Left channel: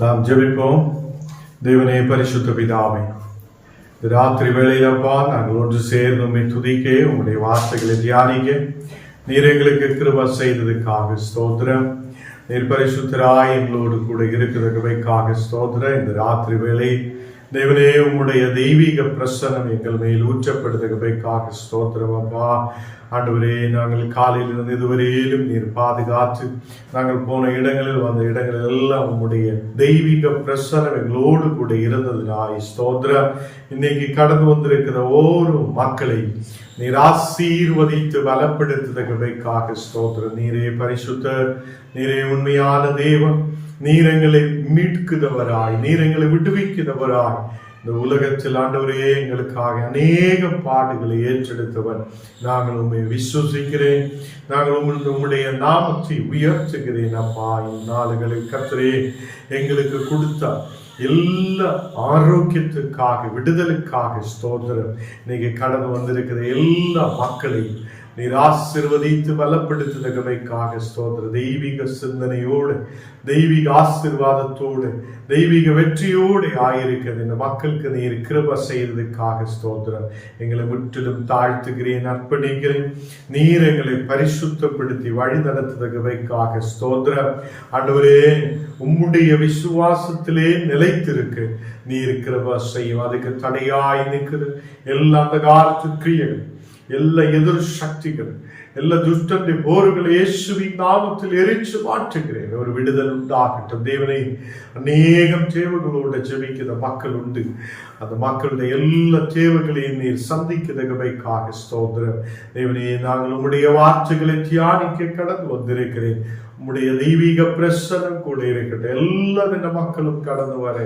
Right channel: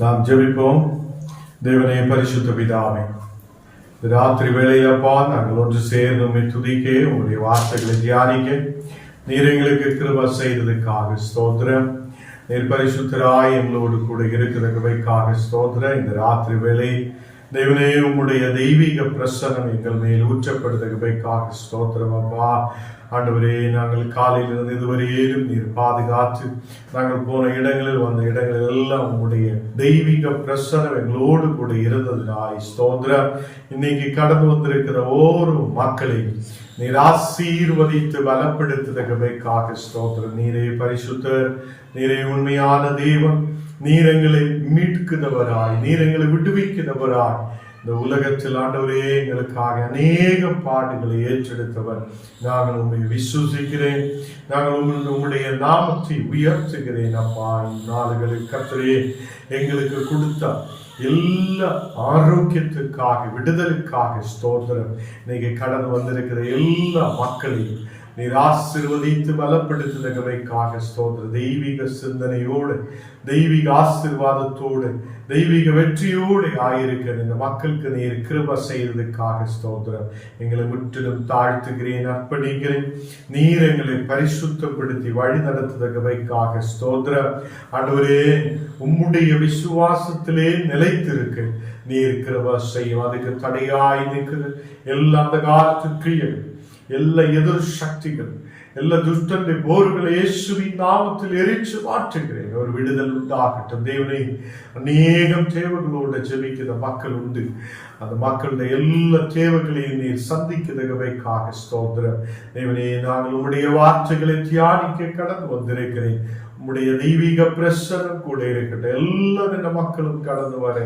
நாம் ஜெபிப்போம். தேவனே, பரிசுத்த பிதாவே, ராத்திரி வேளையிலப்பா நாங்கள் ஒன்று சேர்ந்து உம்மை துதிக்க, உம்முடைய வார்த்தைகளை தியானிக்க நீர் எங்களுக்கு கிருபை செய்ததுக்காக ஸ்தோத்திரம். நீர் பரிசுத்தராய் எங்களோடு கூட இருக்கிறதுக்காக ஸ்தோத்திரம். இந்த ராத்திரி வேளை தேவனே, உம்முடைய தெய்வீக பிரசனம் எங்கள் மேல் ஊற்றப்படுவதற்காக ஸ்தோத்திரம் அப்பா. ஆண்டவரே, நாங்கள் காலையிலிருந்து இதுவரையிலும் நீர் பாதுகாத்து நாங்கள் போன இடங்களில் வந்த இடங்களில் எல்லாம் உம்முடைய தெய்வீக பிரசனம் எங்களோடு கூட இருந்ததுனாய் ஸ்தோத்திரம். இன்னைக்கு கடந்து வந்திருக்கிற ஒவ்வொரு மக்களையும் நீர் ஆசீர்வதித்து பலப்படுத்துவதற்காக ஸ்தோத்திரம். நீரே பரிசுத்தர், நீரே உண்மையான தேவன், நீர் எங்களை மீட்கிறவராய், நீர் எங்களை விடுவிக்கிறவராய் இந்த உலகத்தில் ஆண்டவரே எங்களுக்காக அநேக பாடுகளை ஏற்றெடுத்தவர். நாங்கள் உண்மை விசுவசிக்கிறேன், நாங்கள் உம்முடைய நாமத்தை உயர்த்துகிறேன் அப்பா. இந்நாளுகளில் கர்த்தரே எங்களுக்கு கொடுத்த எல்லா ஆரோக்கியத்துக்காக, விடுதலுக்காக ஸ்தோத்திரம். இன்னைக்கு கடந்து வந்திருக்கிற எல்லா மக்களையும் நீர் ஆசீர்வதித்து பலப்படுத்துவதற்காக ஸ்தோத்திரம். தெய்வீக சிந்தனையோடு, தெய்வீக ஆசீர்வாதத்தோடு, தெய்வீக வெற்றியோடு ஆயிருக்கிறது இந்த மக்களுக்கு நீர் கிருபை செய்வதற்காக ஸ்தோத்திரம். எங்களை முற்றிலும் தாழ்த்துகிறேன், அர்ப்பணிக்கிறேன். நீர் எங்களை பரிசுத்தப்படுத்தி வழி நடத்துவதற்காக ஸ்தோத்திரம். ஆண்டவரே, உம்முடைய விசுவாசத்திலே நிலைத்திருக்கு நீர் கிருபை செய்யும். அதுக்கு தடையாய் நிற்கிற எல்லா அந்த காலத்து கிரியைகள், எல்லா எதிர் சக்திகள், எல்லா துஷ்டனுடைய போர்களை இயேசுவின் நாமத்தில் எரிச்சு மாற்றுகிறேன். ஒரு விடுதல் உண்டாகட்டும். தேவனை, அநேகம் தேவைகளோட ஜெபிக்கிற மக்கள் உண்டு. அந்த மக்களுடைய எல்லா தேவைகளையும் நீர் சந்திக்கிறதுக்காக ஸ்தோத்திரம். தேவனே, நாங்கள் உம்முடைய வார்த்தைகளை தியானிக்க கடந்து வந்திருக்கிறேன். உம்முடைய தெய்வீக பிரசனம் கூட இருக்கட்டும். எல்லா மக்களும் கடந்து வர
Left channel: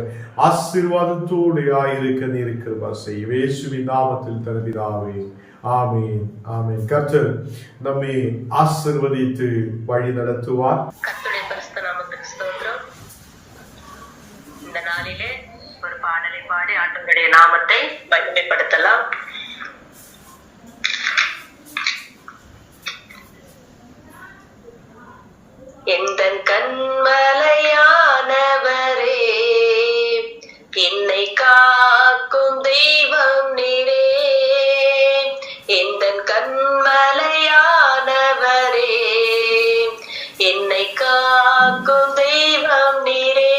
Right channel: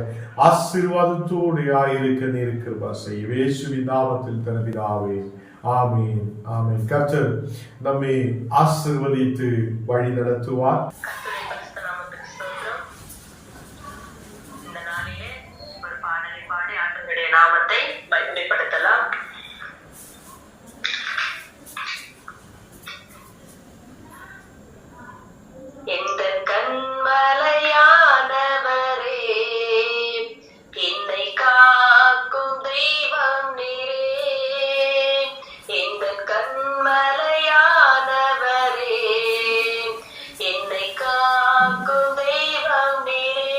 ஆசீர்வாதத்தோடு ஆயிருக்க நீர் கிருபை செய்ய இயேசுவின் நாமத்தில் தருகிறாவே. ஆமீன், ஆமீன். கர்த்தர் நம்மை ஆசீர்வதித்து வழி நடத்துவார். இந்த நாளிலே ஒரு பாடலை பாடி ஆண்டவருடைய நாமத்தை மகிமைப்படுத்தலாம். எந்தன் கண்மலையானவரே, என்னை காக்கும் தெய்வம் நீரே. எந்தன் கண்மலையானவரே, என்னை காக்கும் தெய்வம் நீரே.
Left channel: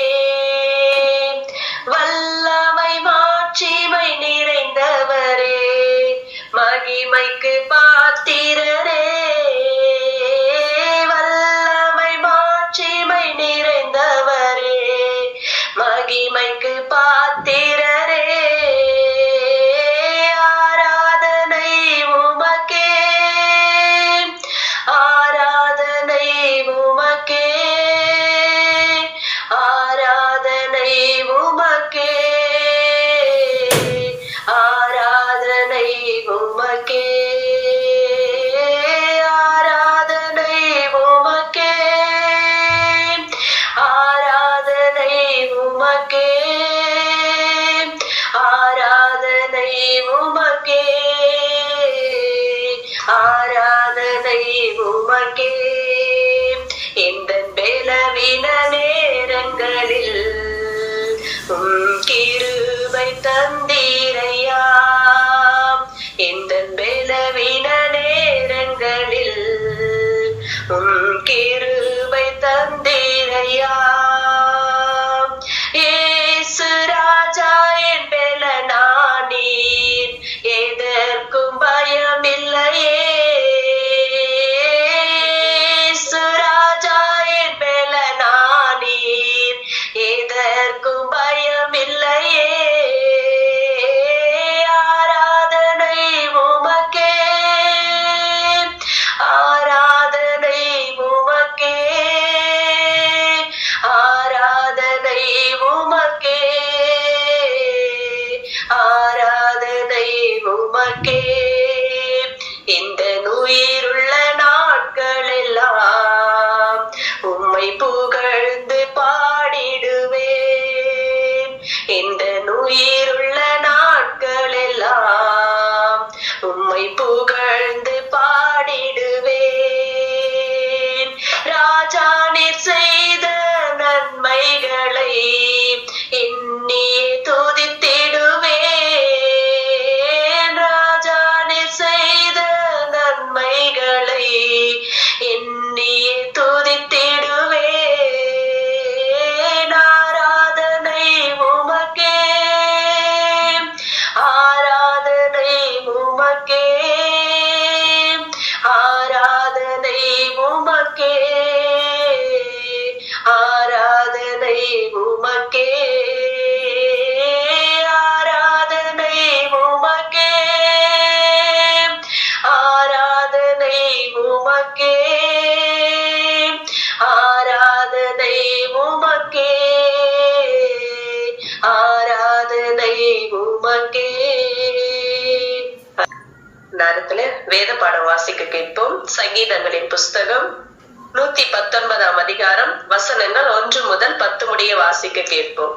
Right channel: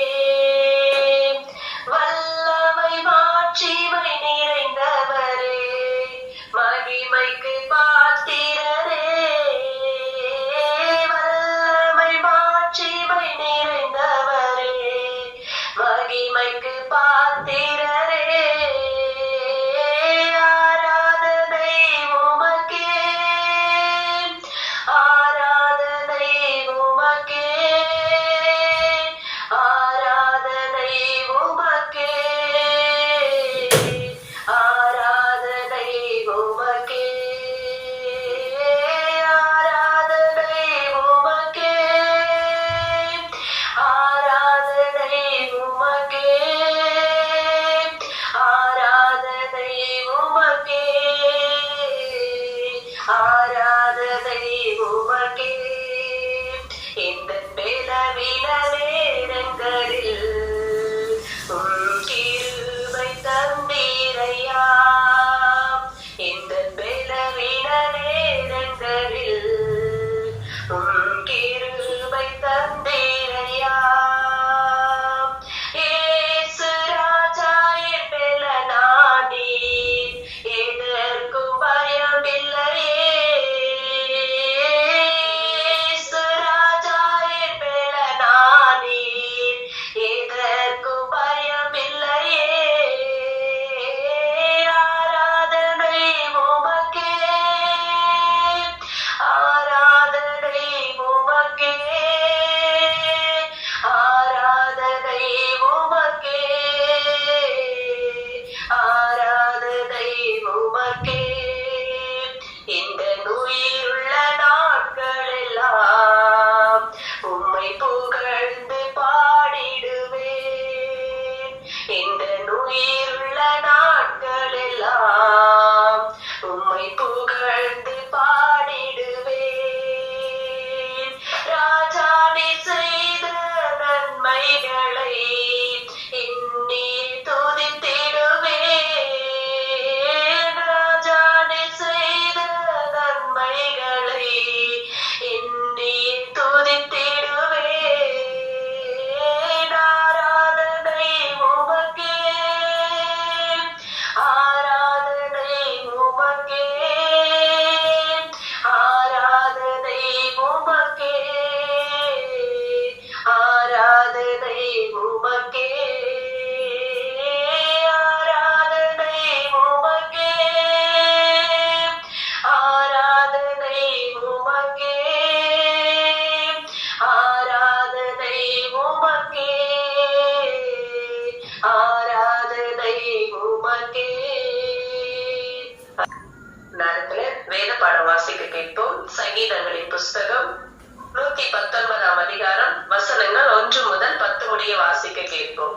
வல்லமை மாட்சிமை நிறைந்தவரே, மகிமைக்கு பாத்திரரே. மகிமைக்கு பாத்திரரே, ஆராதனை உமக்கே, ஆராதனை உமக்கே, ஆராதனை உமக்கே, ஆராதனை உமக்கே, ஆராதனை உமக்கே, ஆராதனை உமக்கே, ஆராதனை உமக்கே, ஆராதனை உமக்கே. எந்தன் பலவீன நேரங்களில் கிருபை தந்தீரையா. எந்தன் பலவீன நேரங்களில் கிருபை தந்தீரையா. ஏசு ராஜா என் பெலனானீர், எதற்கும் பயமில்லையே. ஏசு ராஜா என் பெலனானீர், எதற்கும் பயமில்லையே. சங்கீதங்களின் புஸ்தகம் 119 அதிகாரம் வசனங்கள் 1 முதல் 10 முடிய வாசிக்க கேட்போம்.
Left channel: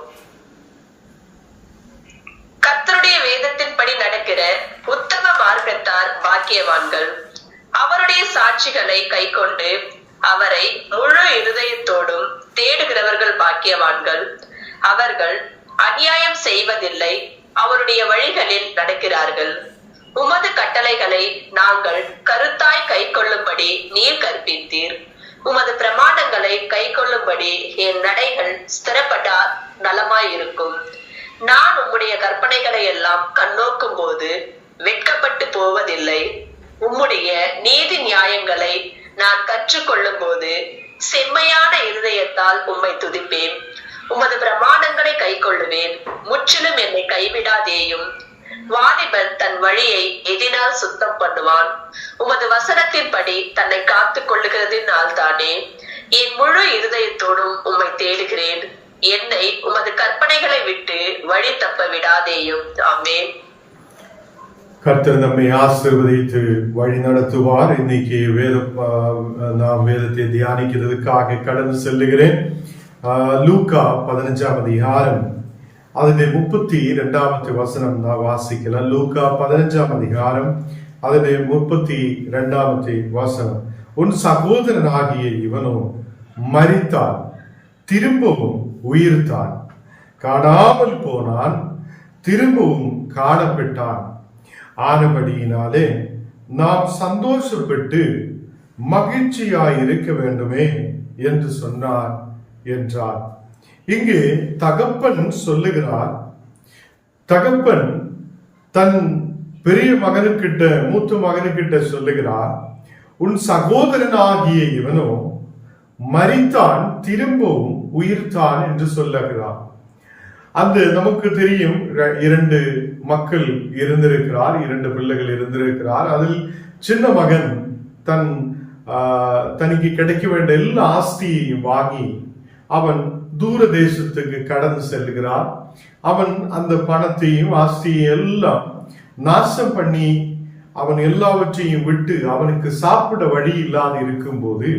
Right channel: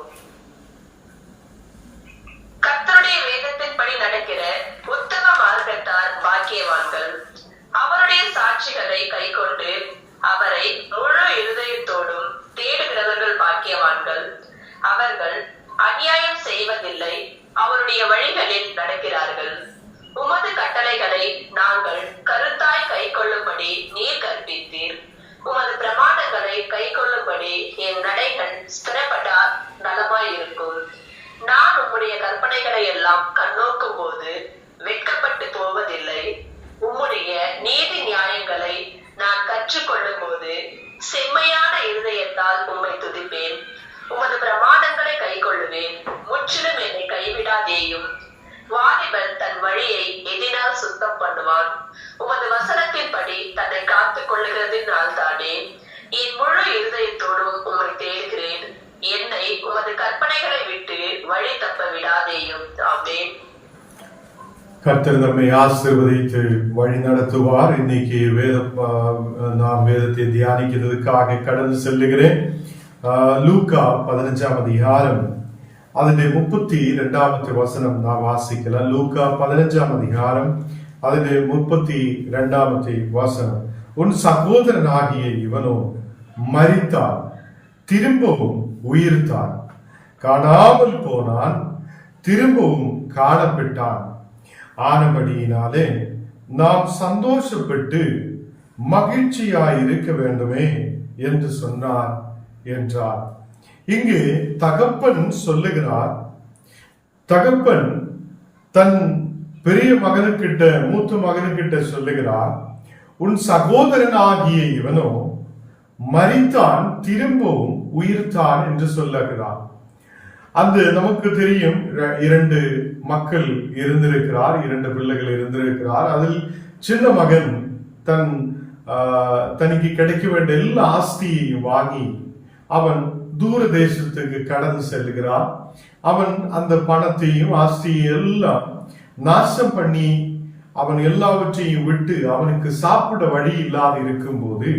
கர்த்தருடைய வேதத்தின்படி நடக்கிற உத்தம மார்க்கத்தார் பாக்கியவான்கள். அவருடைய சாட்சிகளை கைக்கொண்டு அவரை முழு இருதயத்தோடும் தேடுகிறவர்கள் பாக்கியவான்கள். அவர்கள் அநியாயம் செய்வதில்லை, அவருடைய வழிகளில் நடக்கிறார்கள். உமது கட்டளைகளை நாங்கள் கருத்தாய் கைக்கொள்ளும்படி நீர் கற்பித்தீர். உமது பிரமாணங்களை கைக்கொள்ளும்படி என் நடைகள் ஸ்திரப்பட்டால் நலமாயிருக்கும். நான் உம்முடைய கற்பனைகளை எல்லாம் கண்ணோக்கும் போது வெட்கப்பட்டு போவதில்லை. உம்முடைய நீதி நியாயங்களை நான் கற்றுக்கொள்ளும் போது செம்மையான இருதயத்தால் உம்மை துதிப்பேன். உமது பிரமாணங்களை கைக்கொள்ளுவேன். முற்றிலும் என்னை கைவிடாதேயும். வாலிபன் தன் வழியை எதினால் சுத்தம் பண்ணுவான். உமது வசனத்தின்படி தன்னை காத்துக் கொள்ளுகிறதினால் தானே. என் முழு இருதயத்தோடும் உம்மை தேடுகிறேன். என்னை உமது கற்பனைகளை விட்டு வழி தப்ப விடாதேயும். ஆமென். கர்த்தர் நம்மை ஆசீர்வதித்து வழி நடத்துவார். இன்னைக்கு நாம் வேதத்தை தியானிக்கிறதுக்காக கடந்து செல்லுகிறேன். லூக்கா 15 அதிகாரம் അതിന്റെ 32 വചനം നാം വാസിക്കല. ലൂക്ക 15 அதிகாரம் അതിന്റെ 32 வசனம். உன் சகோதரனாகிய இவனோ மரித்தான், திரும்பவும் உயிர்த்தான், காணாமல் போனான், திரும்பவும் காணப்பட்டான். ஆனபடியினாலே நாம் சந்தோஷப்பட்டு மகிழ்ச்சியாய் இருக்க வேண்டுமே என்று சொன்னார் என்றார். இங்கே தகப்பன் சொல்லுகிறார். தகப்பன் தன் பெரிய மகனுக்கிட்ட, மூத்த மகனுக்கிட்ட சொல்லுகிறார், உன் சகோதரனாகிய இவனோ மரித்தான், திரும்பவும் உயிர்த்தான் என்று சொல்லுகிறார். அந்த நமக்கு தெரியும், 2 மக்கள் இருந்திருக்கிறார், 2 பிள்ளைகள் இருந்திருக்கிறார். அதில் சின்ன மகன் தனக்கு கிடைக்க வேண்டிய எல்லா ஆஸ்தியையும் வாங்கி அவன் தூர தேசத்துக்கு கடந்து செல்கிறான். அவன் அந்த பணத்தையும் ஆஸ்தியையும் எல்லாம் நாசம் பண்ணி அவன் எல்லாவற்றையும் விட்டு அவனுக்கு சாப்பிட வழி இல்லாது இருக்கும் போது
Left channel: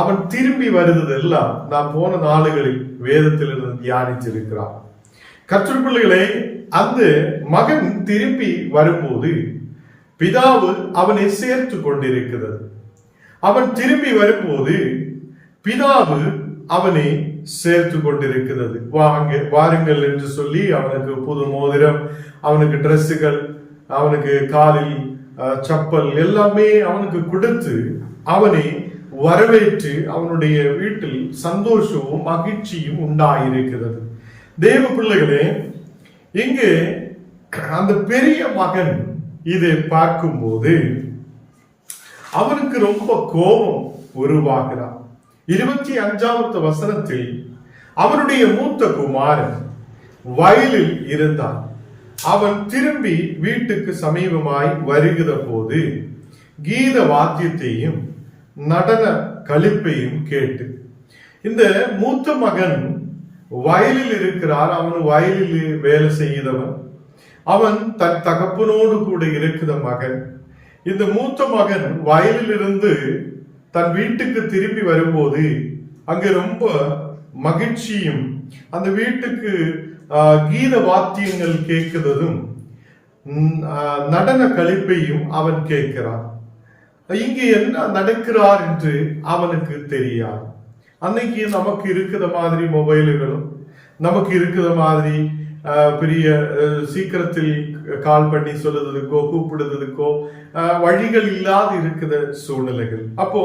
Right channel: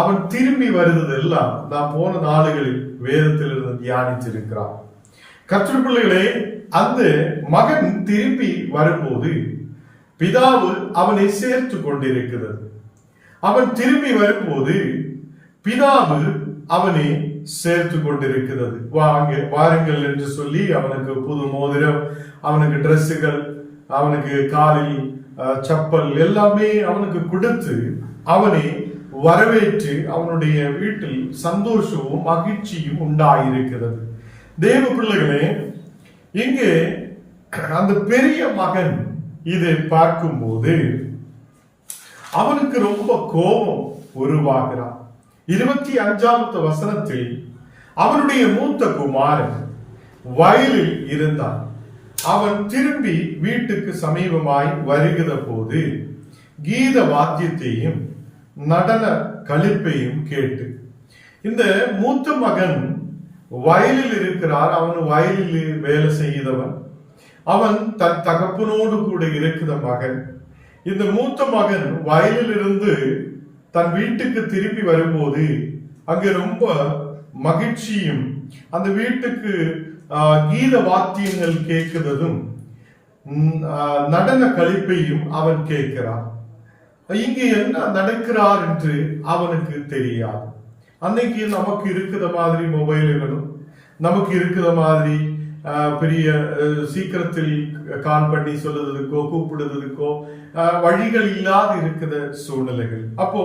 அவன் திரும்பி வருவதெல்லாம் நாம் போன நாளுகளில் வேதத்திலிருந்து தியானிச்சிருக்கிறான். கர்த்தர் பிள்ளைகளே, அந்த மகன் திரும்பி வரும்போது பிதாவு அவனை சேர்த்து கொண்டிருக்கிறது. அவன் திரும்பி வரும்போது பிதாவு அவனை சேர்த்து கொண்டிருக்கிறது. வாருங்கள் என்று சொல்லி அவனுக்கு புது மோதிரம், அவனுக்கு டிரெஸ்ஸுகள், அவனுக்கு காலில் சப்பல் எல்லாமே அவனுக்கு கொடுத்து அவனை வரவேற்று அவனுடைய வீட்டில் சந்தோஷமும் மகிழ்ச்சியும் உண்டாயிருக்கிறது. தேவ பிள்ளைகளே, இங்கு அந்த பெரிய மகன் இதை பார்க்கும்போது அவனுக்கு ரொம்ப கோபம் உருவாகிறான். 25 வசனத்தில் அவனுடைய மூத்த குமாரன் வயலில் இருந்தான். அவன் திரும்பி வீட்டுக்கு சமீபமாய் வருகிற போது கீத வாத்தியத்தையும் நடன களிப்பையும் கேட்டு, இந்த மூத்த மகன் வயலில் இருக்கிறார். அவன் வயலில் வேலை செய்தவன். அவன் தன் தகப்பனோடு கூட இருக்கிற மகன். இந்த மூத்த மகன் வயலில் இருந்து தன் வீட்டுக்கு திரும்பி வரும்போது அங்கு ரொம்ப மகிழ்ச்சியும், அந்த வீட்டுக்கு கீத வாத்தியங்கள் கேட்கிறதும் நடன களிப்பையும் அவன் கேட்கிறான். இங்கு என்ன நடக்கிறார் என்று அவனுக்கு தெரியாது. அன்னைக்கு நமக்கு இருக்கிற மாதிரி மொபைல்களும், நமக்கு இருக்கிற மாதிரி பெரிய சீக்கிரத்தில் கால் பண்ணி சொல்லுறதுக்கோ கூப்பிடுறதுக்கோ வழிகள் இல்லாது இருக்கிற சூழ்நிலைகள். அப்போ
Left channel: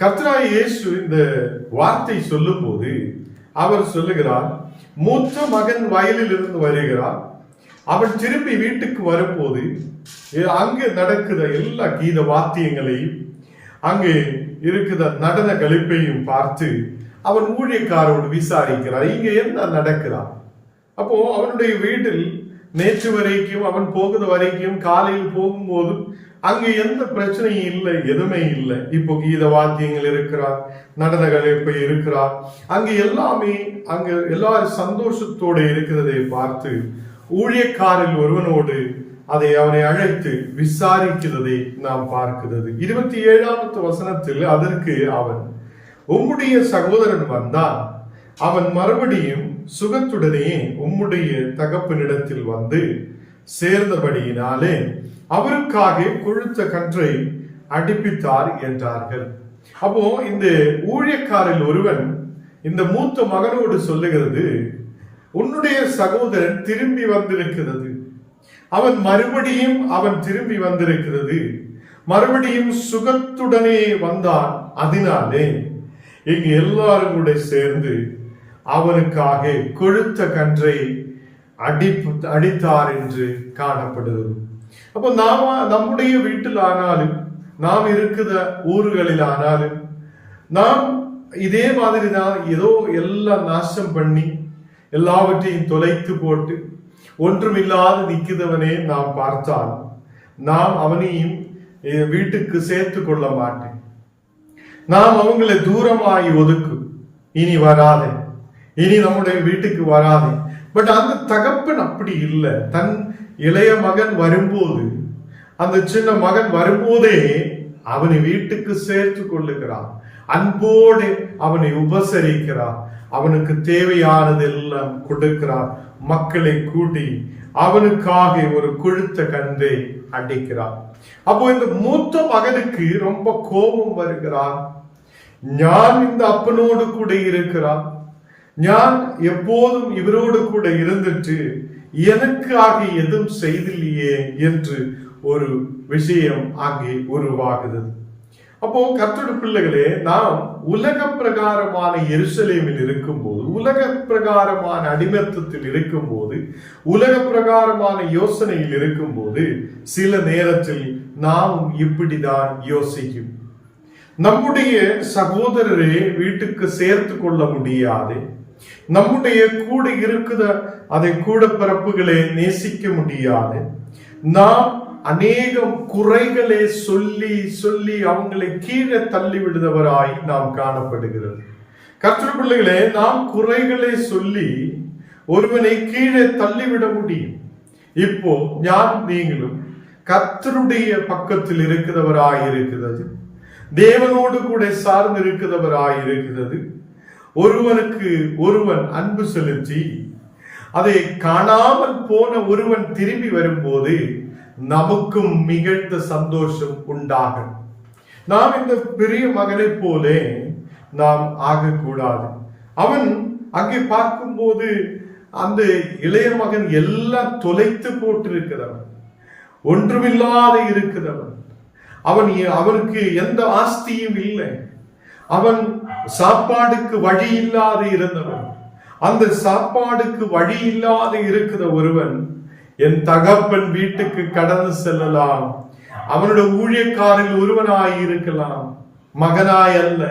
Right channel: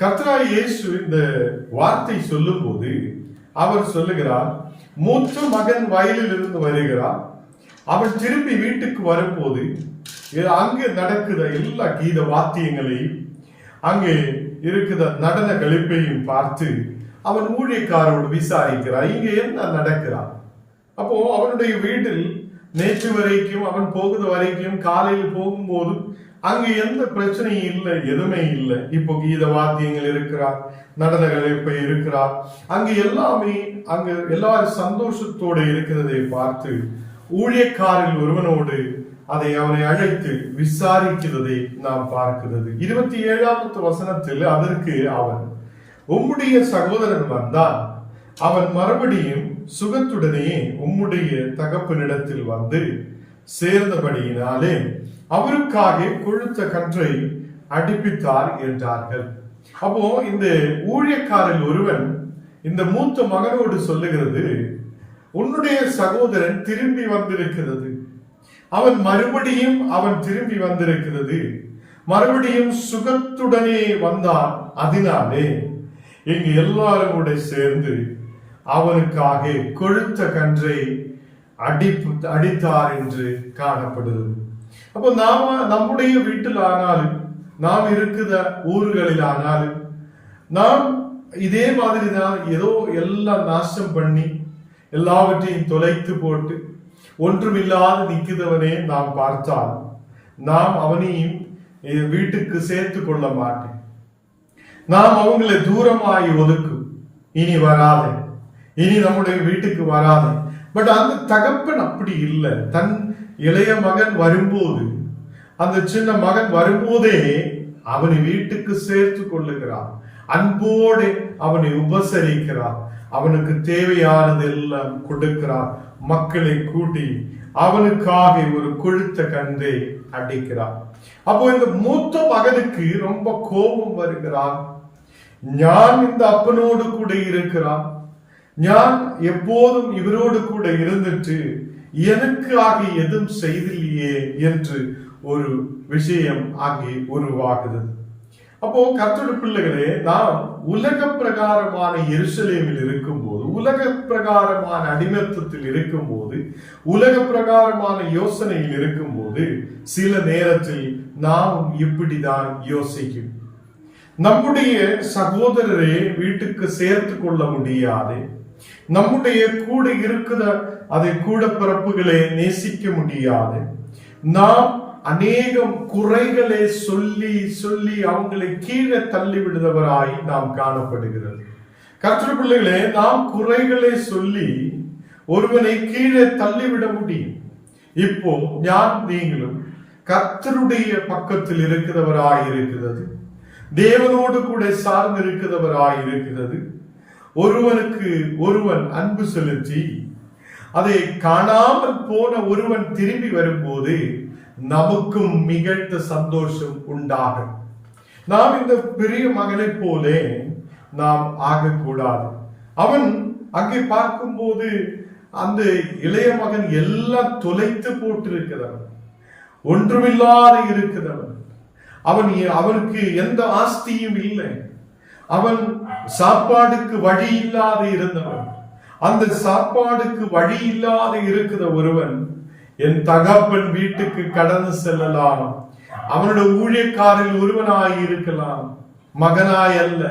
கர்த்தராகிய இயேசு இந்த வார்த்தை சொல்லும் போது அவர் சொல்லுகிறார், மூத்த மகன் வயலில் இருந்து வருகிறார். அவன் திரும்பி வீட்டுக்கு வரும்போது அங்கு நடக்கிற எல்லா கீத வாத்தியங்களையும், அங்கே இருக்கிற நடன களிப்பையும் பார்த்து அவன் ஊழியக்காரோடு விசாரிக்கிறார், இங்க என்ன நடக்கிறார். அப்போ அவனுடைய வீட்டில் நேற்று வரைக்கும் அவன் போகுது வரைக்கும் காலையில் போகும்போது அங்கு எந்த பிரச்சனையும் இல்லை, எதுவுமே இல்லை. இப்போ கீத வாத்தியங்கள் இருக்கிறார், நடன கலைப்பை இருக்கிறார், அங்கு எல்லாமே அங்கு எல்லாரும் சந்தோஷத்தோடு இருக்கிறதை பார்த்து ஊழியக்காரில் ஒருவனோடு அதை அவனை அழைத்து விசாரிக்கிறதை நாம் பார்க்கிறது. 27வது வசனத்தில் அதற்கு அவன், உம்முடைய சகோதரன் வந்தான், அவன் மறுபடியும் சுகத்துடனே உம்முடைய தகப்பனிடத்தில் வந்து சேர்ந்தபடியினாலே அவருக்காக கொழுத்த கன்றை அடிப்பித்தார் என்றார்கள். அப்போ இந்த ஊழியக்காரில் ஒருவன் இந்த மூத்த மகனோடு சொல்லுகிறது, உன்னுடைய சகோதரன் திரும்பி வந்திருக்கிறது, அவன் திரும்பி வந்திருக்கிறது, மறுபடியும் சுகத்துடனே வந்தான், அதனாலே இங்கு எல்லாரும் கூட சேர்ந்து அவனுக்காக கொழுத்த கன்றை அடித்தார் என்று காணப்படுகிறது. அப்போ நம்முடைய வீட்டில் ஆனாலும், நாம் இருக்கிற ஊர்களில் ஆனாலும், நாம் இதே மாதிரி தான் ஏதோ எல்லாம் நாசம் பண்ணி எல்லாவற்றையும் தொலைத்து போட்டு ஒன்றுமில்லாது நிற்கிறவனே நாம் பார்த்தால் நாம் அவனையும் வீட்டுக்கு சேர்த்து கொள்ள மாட்டேன். நாம் அவங்களை தூரமாய் ஒதுக்கும், இனி வராதே, இனி நம்முடைய வீட்டுக்கு வராதே. பட் அந்த தகப்பன் அப்படி இல்லை. தன் இளைய மகன் வரும்போது, அந்த சின்ன மகன் வரும்போதே அவனை வீட்டுக்கு சேர்த்து கொள்ளுகிறான், அன்போடு அவனை உபசரிக்கிறார், அவனுக்கு தேவையானதெல்லாம் கொடுக்கிறார், மக்களை கூட்டி அவனுக்காக ஒரு கொழுத்த கன்றை அடிக்கிறார். அப்போ இந்த மூத்த மகனுக்கு ரொம்ப கோபம் வருகிறான். நான் இந்த அப்பனோடு கூட இருக்கிறான், நான் எப்போதும் இவரோடு கூட இருந்துட்டு எனக்காக எதுவும் செய்தில்லையே என்று ஒரு விஷயம் அங்கே உருவாகுது. அப்போ கர்த்தருடைய பிள்ளைகளே, நாம் உலக பிரகாரமான எருசலேமில் இருக்கும்போது, உலக பிரகாரமான அடிமைத்தத்தில் இருக்கும்போது, உலக பிரகாரமான யோசனையில் இருக்கும்போது சில நேரத்தில் நாம் இப்படிதான் யோசிக்கும். நம்முடைய சகோதரரை வீட்டுக்கு சேர்த்து கொள்ள முடியாது, நம்முடைய கூட இருக்கிற அதை கூட பிறப்புகளை நேசிக்க முடியாது, நாம் அநேகம் குறைகளை சொல்லி சொல்லி அவங்களை கீழே தள்ளி விடுதவராய் நாம் காணப்படுகிறது. கர்த்தருடைய பிள்ளைகளே, நாம் குறைகளை சொல்லி ஒருவனை கீழே தள்ளிவிட முடியும். இப்போ நீங்களும் கர்த்தருடைய பக்கத்தில் இருக்கிறவராய் இருக்கிறது, தேவனோடு கூட சார்ந்து இருக்கிறவராய் இருக்கிறது. ஒருவனுக்கு ஒருவன் அன்பு செலுத்தி அதை காணாமல் போன ஒருவன் திரும்பி வரும்போது நமக்கும் மிகுந்த சந்தோஷம் உண்டாகும். நாம் இந்த பெரிய மகனை போலே நாம் ஆகக்கூடாது. அவன் அங்கே பார்க்கும்போது அந்த இளைய மகன் எல்லாம் தொலைத்து போட்டிருக்கிறவன், ஒன்றுமில்லாத இருக்கிறவன், அவனுக்கு எந்த ஆஸ்தியும் இல்லை, அவன் சாப்பாடுக்கு வழி இல்லாத இருந்தவன். அந்த சாப்பாடுக்கு வழி இல்லாத இருக்கிற ஒருவன் என் தகப்பன் வீட்டுக்கு கடந்து செல்லலாம், அவனுடைய ஊழியக்காரில் ஒருவனாய் இருக்கலாம், மகனாய் அல்ல,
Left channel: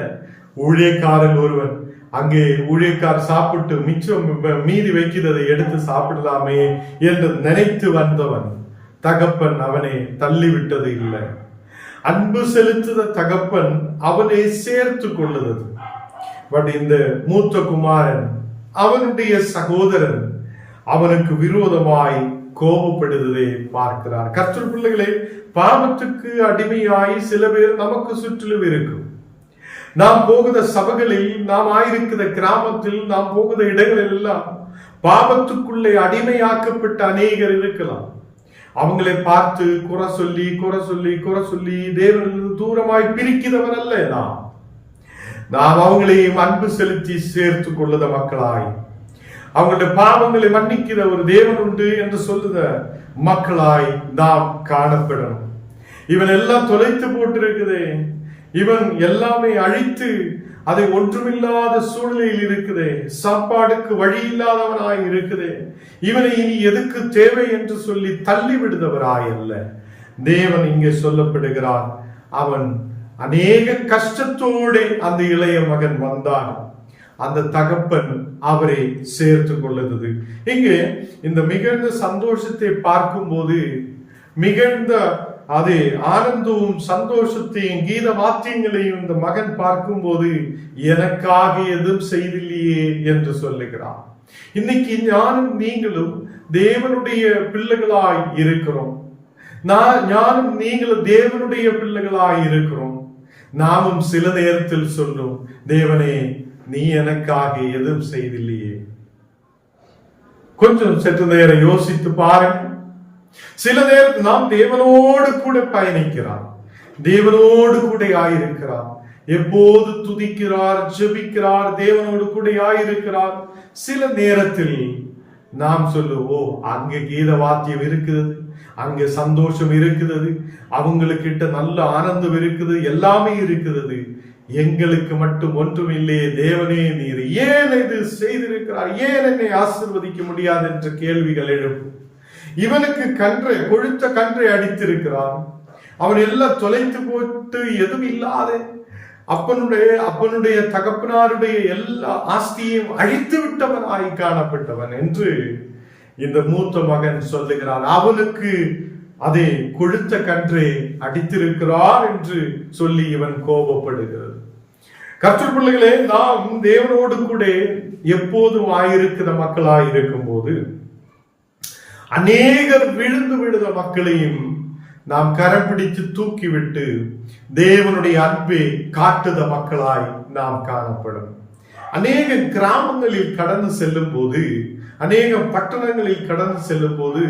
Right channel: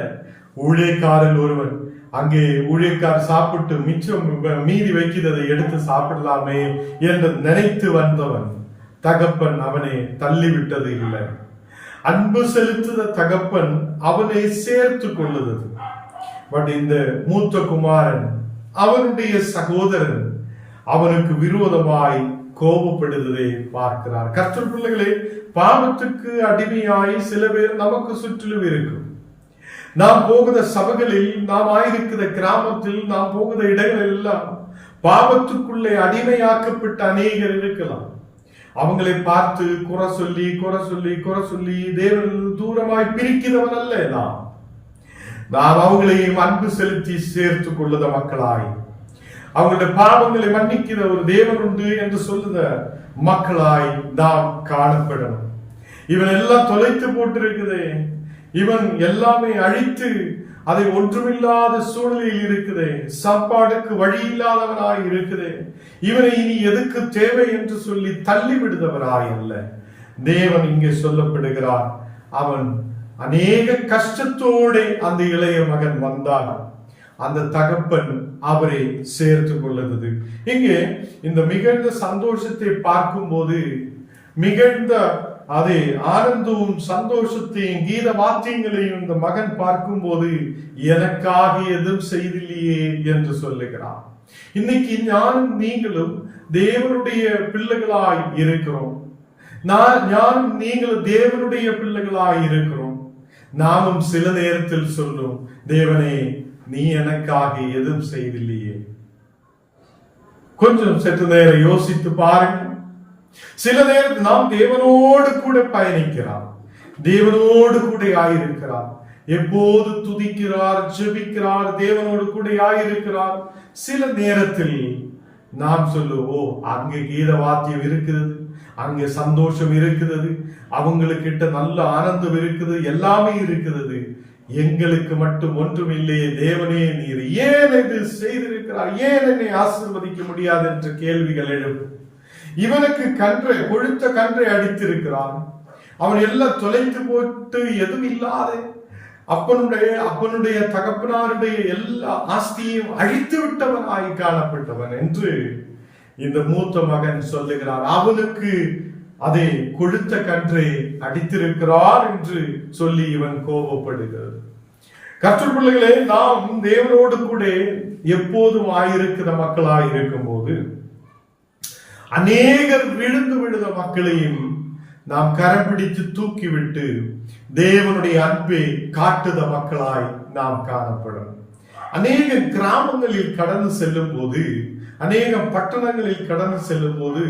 ஊழியக்காரில் ஒருவன். அங்கே ஊழியக்கார் சாப்பிட்டு மிச்சம் மீறி வைக்கிறதை எடுத்து சாப்பிடலாமே என்று நினைத்து வந்தவன் தகப்பன் அவனை தள்ளிவிட்டது இல்லை. அன்பு செலுத்துத தகப்பன் அவனை சேர்த்து கொள்ளுது. பட் இந்த மூத்த குமாரன், அவனுடைய சகோதரன் அவனுக்கு விரோதமாய் கோபப்படுவதை பார்க்கிறார். கர்த்தர் பிள்ளைகளே, பாவத்துக்கு அடிமையாய் சில பேர் நமக்கு சுற்றிலும் இருக்கும். நாம் போகிற சபைகளில், நாம் ஆயிருக்கிற கிராமத்தில், நாம் போகிற இடங்களில் எல்லாம் பாவத்துக்குள்ளே அடிமையாக்கப்பட்ட அநேகர் இருக்கலாம். அவங்களை பார்த்து குறை சொல்லி தேவனிலிருந்து தூரமாய் பிரிக்கிறவர் அல்ல நாம் அவங்களையும் அன்பு செலுத்தி சேர்த்து கொள்ளுத மக்களாய், அவங்களுடைய பாவங்களை மன்னிக்கிற ஒரு தேவன் உண்டு என்று சொல்லுத மக்களாய் நாம் காணப்படணும். இவன் எல்லாம் தொலைத்து போட்டிருக்குதே, இவன் எல்லாமே அழித்து அதை ஒன்றுமில்லாத சூழ்நிலையில் இருக்குதே, சாப்பாடுக்கு வழி இல்லாதவனாய் இருக்குதே, இவனை இனி எதுக்கு தேவை என்று சொல்லி தள்ளி விடுதவராய் அல்ல. தேவன் இங்கே சொல்லப்படுகிறான், அவன் அநேக கஷ்டத்தோடு அந்த இளைய மகன் வந்தான், அந்த தகப்பன் அவரை சேர்த்து கொள்ளுது. இங்கே இந்த மிகுந்த சந்தோஷத்தை பார்க்கும் போது, மிகுந்த அதே ஆனந்தமும் சந்தோஷத்தையும் கீத வாத்தியங்களையும் இந்த மகன் பார்க்கும் போது எனக்காக எதுவும் செய்தில்லையே என்று சொல்லுகிறான். இன்னைக்கு ஞானம் நீங்களும் தேவனுடைய பிள்ளைகளாய் இருக்கிறோம். ஞானும் நீங்களும் தேவனுடைய பிள்ளைகளாய் இருக்கிறோம். நாமும் சில நேரத்தில் சொல்லும், தேவனே நீ எனக்காக எதுவும் செய்தில்லையே. கொஞ்சம் சற்று நேரம் யோசித்து பாருங்க. சில நேரத்தில் நாம் தேவனோடு கூட பயணிக்கிறார், தேவனோடு கூட ஆயிருக்கிறார், எப்போது துதிக்கிறார், ஜெபிக்கிறார், தேவனோடு கூட ஆயிருக்கிறார். சில நேரத்தில் நாம் சொல்லுவோம், அங்கே கீத வாத்தியம் இருக்கிறது, அங்கே சந்தோஷம் இருக்கிறது, அவங்களுக்கிட்ட நல்ல ஆனந்தம் இருக்குது, எல்லாமே இருக்கிறது, எங்களுக்கு மட்டும் ஒன்றும் இல்லையே. தேவனே நீர் ஏன் இது செய்திருக்கிறார், ஏன் என்னை ஆசீர்வதிக்க முடியாது என்ற கேள்விகள் எழுப்பும். இவனுக்கு கொழுத்த கன்றை அடித்திருக்கிறான், அவன் எல்லாம் தொலைத்து போட்டு எதுவும் இல்லாத அப்பனுடைய தகப்பனாருடைய எல்லா ஆஸ்தியையும் அழித்து விட்டவனாய் காணப்பட்டவன் என்று இந்த மூத்த மகன் சொல்லுகிறார். அவனுக்கு அதை கொழுத்த கன்றை அடித்திருக்கிறார் என்று சொல்லி இவன் கோபப்படுகிறது. கர்த்தர் பிள்ளைகளே, நாம் தேவனோடு கூட எப்போதும் ஆயிருக்கிற மக்களாய் இருக்கும் போது அநேகர் விழுந்து விழுத மக்களையும் நாம் கரம் பிடித்து தூக்கிவிட்டு தேவனுடைய அன்பை காட்டுத மக்களாய் நாம் காணப்படும். அநேக கிராமங்களில் கடந்து செல்லும் போது, அநேக பட்டணங்களில் கடந்து செல்லும் போது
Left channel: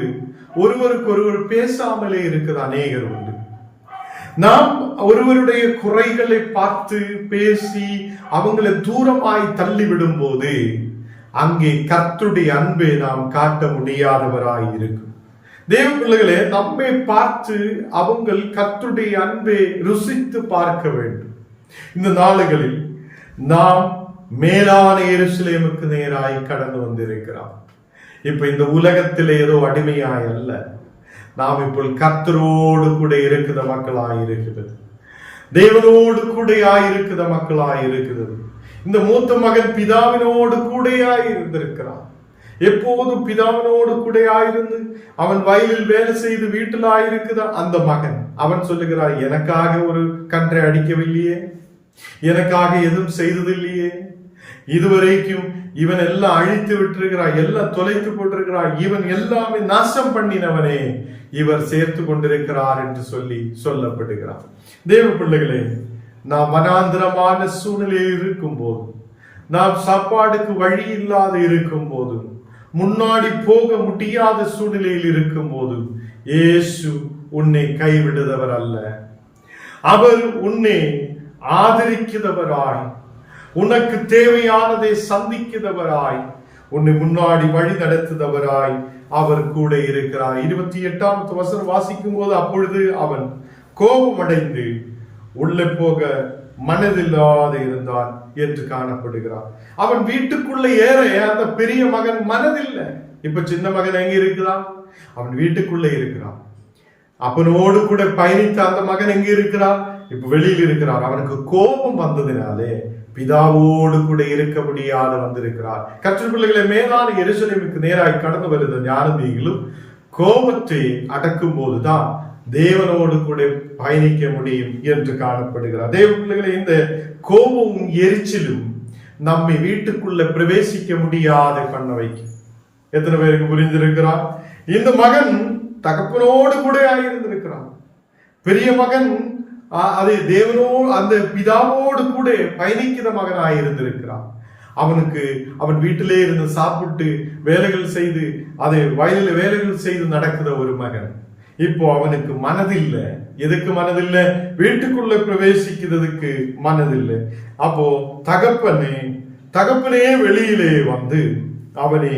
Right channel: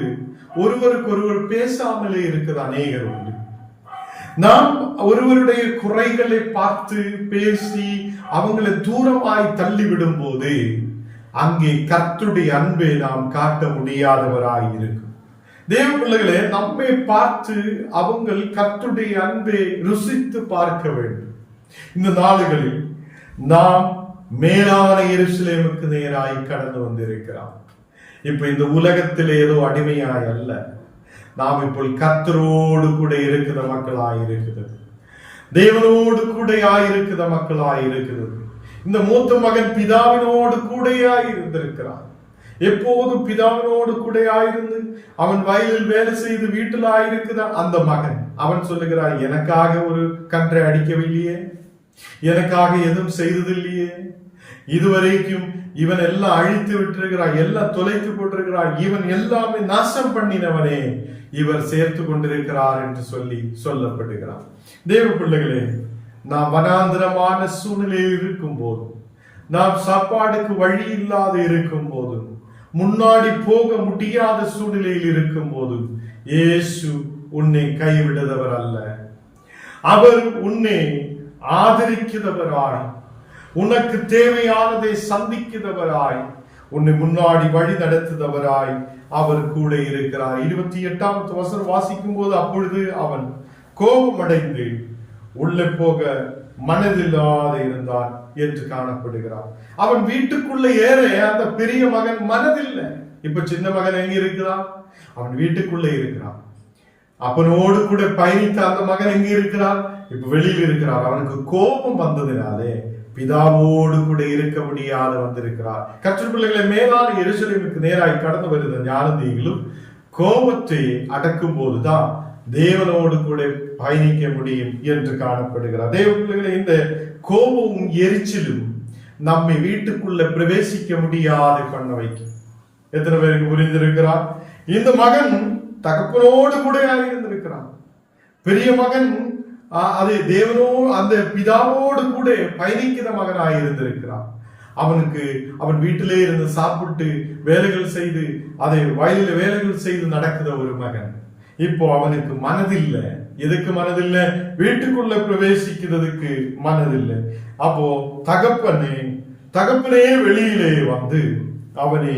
ஒருவருக்கு ஒருவர் பேசாமலே இருக்கிற அநேகர் உண்டு. நாம் ஒருவருடைய குறைகளை பார்த்து பேசி அவங்களை தூரமாய் தள்ளிவிடும் போது அங்கே கர்த்தருடைய அன்பை நாம் காட்ட முடியாதவராய் இருக்கும். தேவ பிள்ளைகளே, நம்மை பார்த்து அவங்க கர்த்தருடைய அன்பை ருசித்து பார்க்க வேண்டும். இந்த நாளுகளில் நாம் மேலான எருசலேமுக்கு நேராய் கடந்து வந்திருக்கிறோம். இப்ப இந்த உலகத்தில் ஏதோ அடிமையாய் அல்ல, நாம் இப்போ கர்த்தரோடு கூட இருக்கிற மக்களாய் இருக்கிறது, தேவனோடு கூட ஆயிருக்கிற மக்களாய் இருக்கிறது. இந்த மூத்த மகன் பிதாவினோடு கூடையாய் இருந்திருக்கிறான். எப்போதும் பிதாவினோடு கூட ஆயிருந்து அவன் வயலில் வேலை செய்து வீட்டில் ஆயிருக்கிற அந்த மகன் அவன் சொல்லுகிறான், எனக்காக ஒரு கன்றை அடிக்கவில்லையே, எனக்காக எதுவும் செய்ததில்லையே, இதுவரைக்கும் இவன் எல்லாம் அழித்து விட்டிருக்கிறான், எல்லாம் தொலைத்து போட்டிருக்கிறான், இவன் எல்லாமே நாசம் பண்ணினவனே இவர் சேர்த்து கொண்டிருக்கிறார் என்று சொல்லப்படுகிறார். தேவ பிள்ளைகளே, நாம் வனாந்திரமான சூழ்நிலையில் இருக்கும் போது, நாம் சாப்பாடுக்கு வழி இல்லாத இருக்கும் போது, முன்னாடி போக முடியாத சூழ்நிலையில் இருக்கும் போது இயேசு உன்னை கைவிடுதவர் அல்ல. அவர் உன்னை ஆதரிக்கிறவராய், உனக்கு தேவையானதை சந்திக்கிறவராய், உன்னை முன்னாடி வழி நடத்துதவராய் அவர் கூட இருக்கிறார். 28வது வசனம் வாசிக்கும் போது, அப்பொழுது அவன் கோபமடைந்து உள்ளே போக மனதில்லாத இருந்தான் என்று காணப்படுகிறார். அவன் வீட்டுக்குள்ள ஏற அந்த பெரிய மகன் மனதில்லை. இப்ப சின்ன மகன் எங்க இருக்கிறான்? அவன் வீட்டுக்குள்ள இருக்கிறான். அப்பனோடு கூட பயணித்த அந்த மகன் எங்க இருக்கிறான்? இப்ப வெளியில் இருக்கிறான். அவனுக்கு கோபம் வந்ததினாலே பிதாவோடு கூட இருக்க முடியாத வந்திருக்கிறார். கர்த்தர் பிள்ளைகளை, மேலான எருசலேமுக்கு நேராய் கடந்து வருகிற ஞானதிகளும் கோபத்தை அடக்கும் போதுதான் தேவனோடு கூட பயணிக்க முடியும் என்று காணப்படுகிறார். தேவ பிள்ளைகளை, இந்த கோபமும் எரிச்சலும் நம்மை வீட்டுக்குள்ள பிரவேசிக்க முடியாத பண்ண வைக்கும். எத்தனை பேருக்கு புரிந்திருக்கிறார்? இந்த மகன் தகப்பனோடு கூட ஆயிருந்திருக்கிறான். பெரிய மகன் அதை தேவனோடு அந்த பிதாவோடு கூட பயணிக்கிற மகன் ஆயிருந்திருக்கிறான். அவன் வீட்டிலே இருந்து சாப்பிட்டு வேலைகள் செய்து அதை வயலில் வேலைகள் செய்து நடக்கிற ஒரு மகன். இப்போ அவனுக்கு மனதில்லை. எதுக்கு மனதில்லை? வீட்டுக்குள்ள பிரவேசிக்கிறதுக்கு மனதில்லை. அப்போ தகப்பனே வெளியிலே வந்து அவனை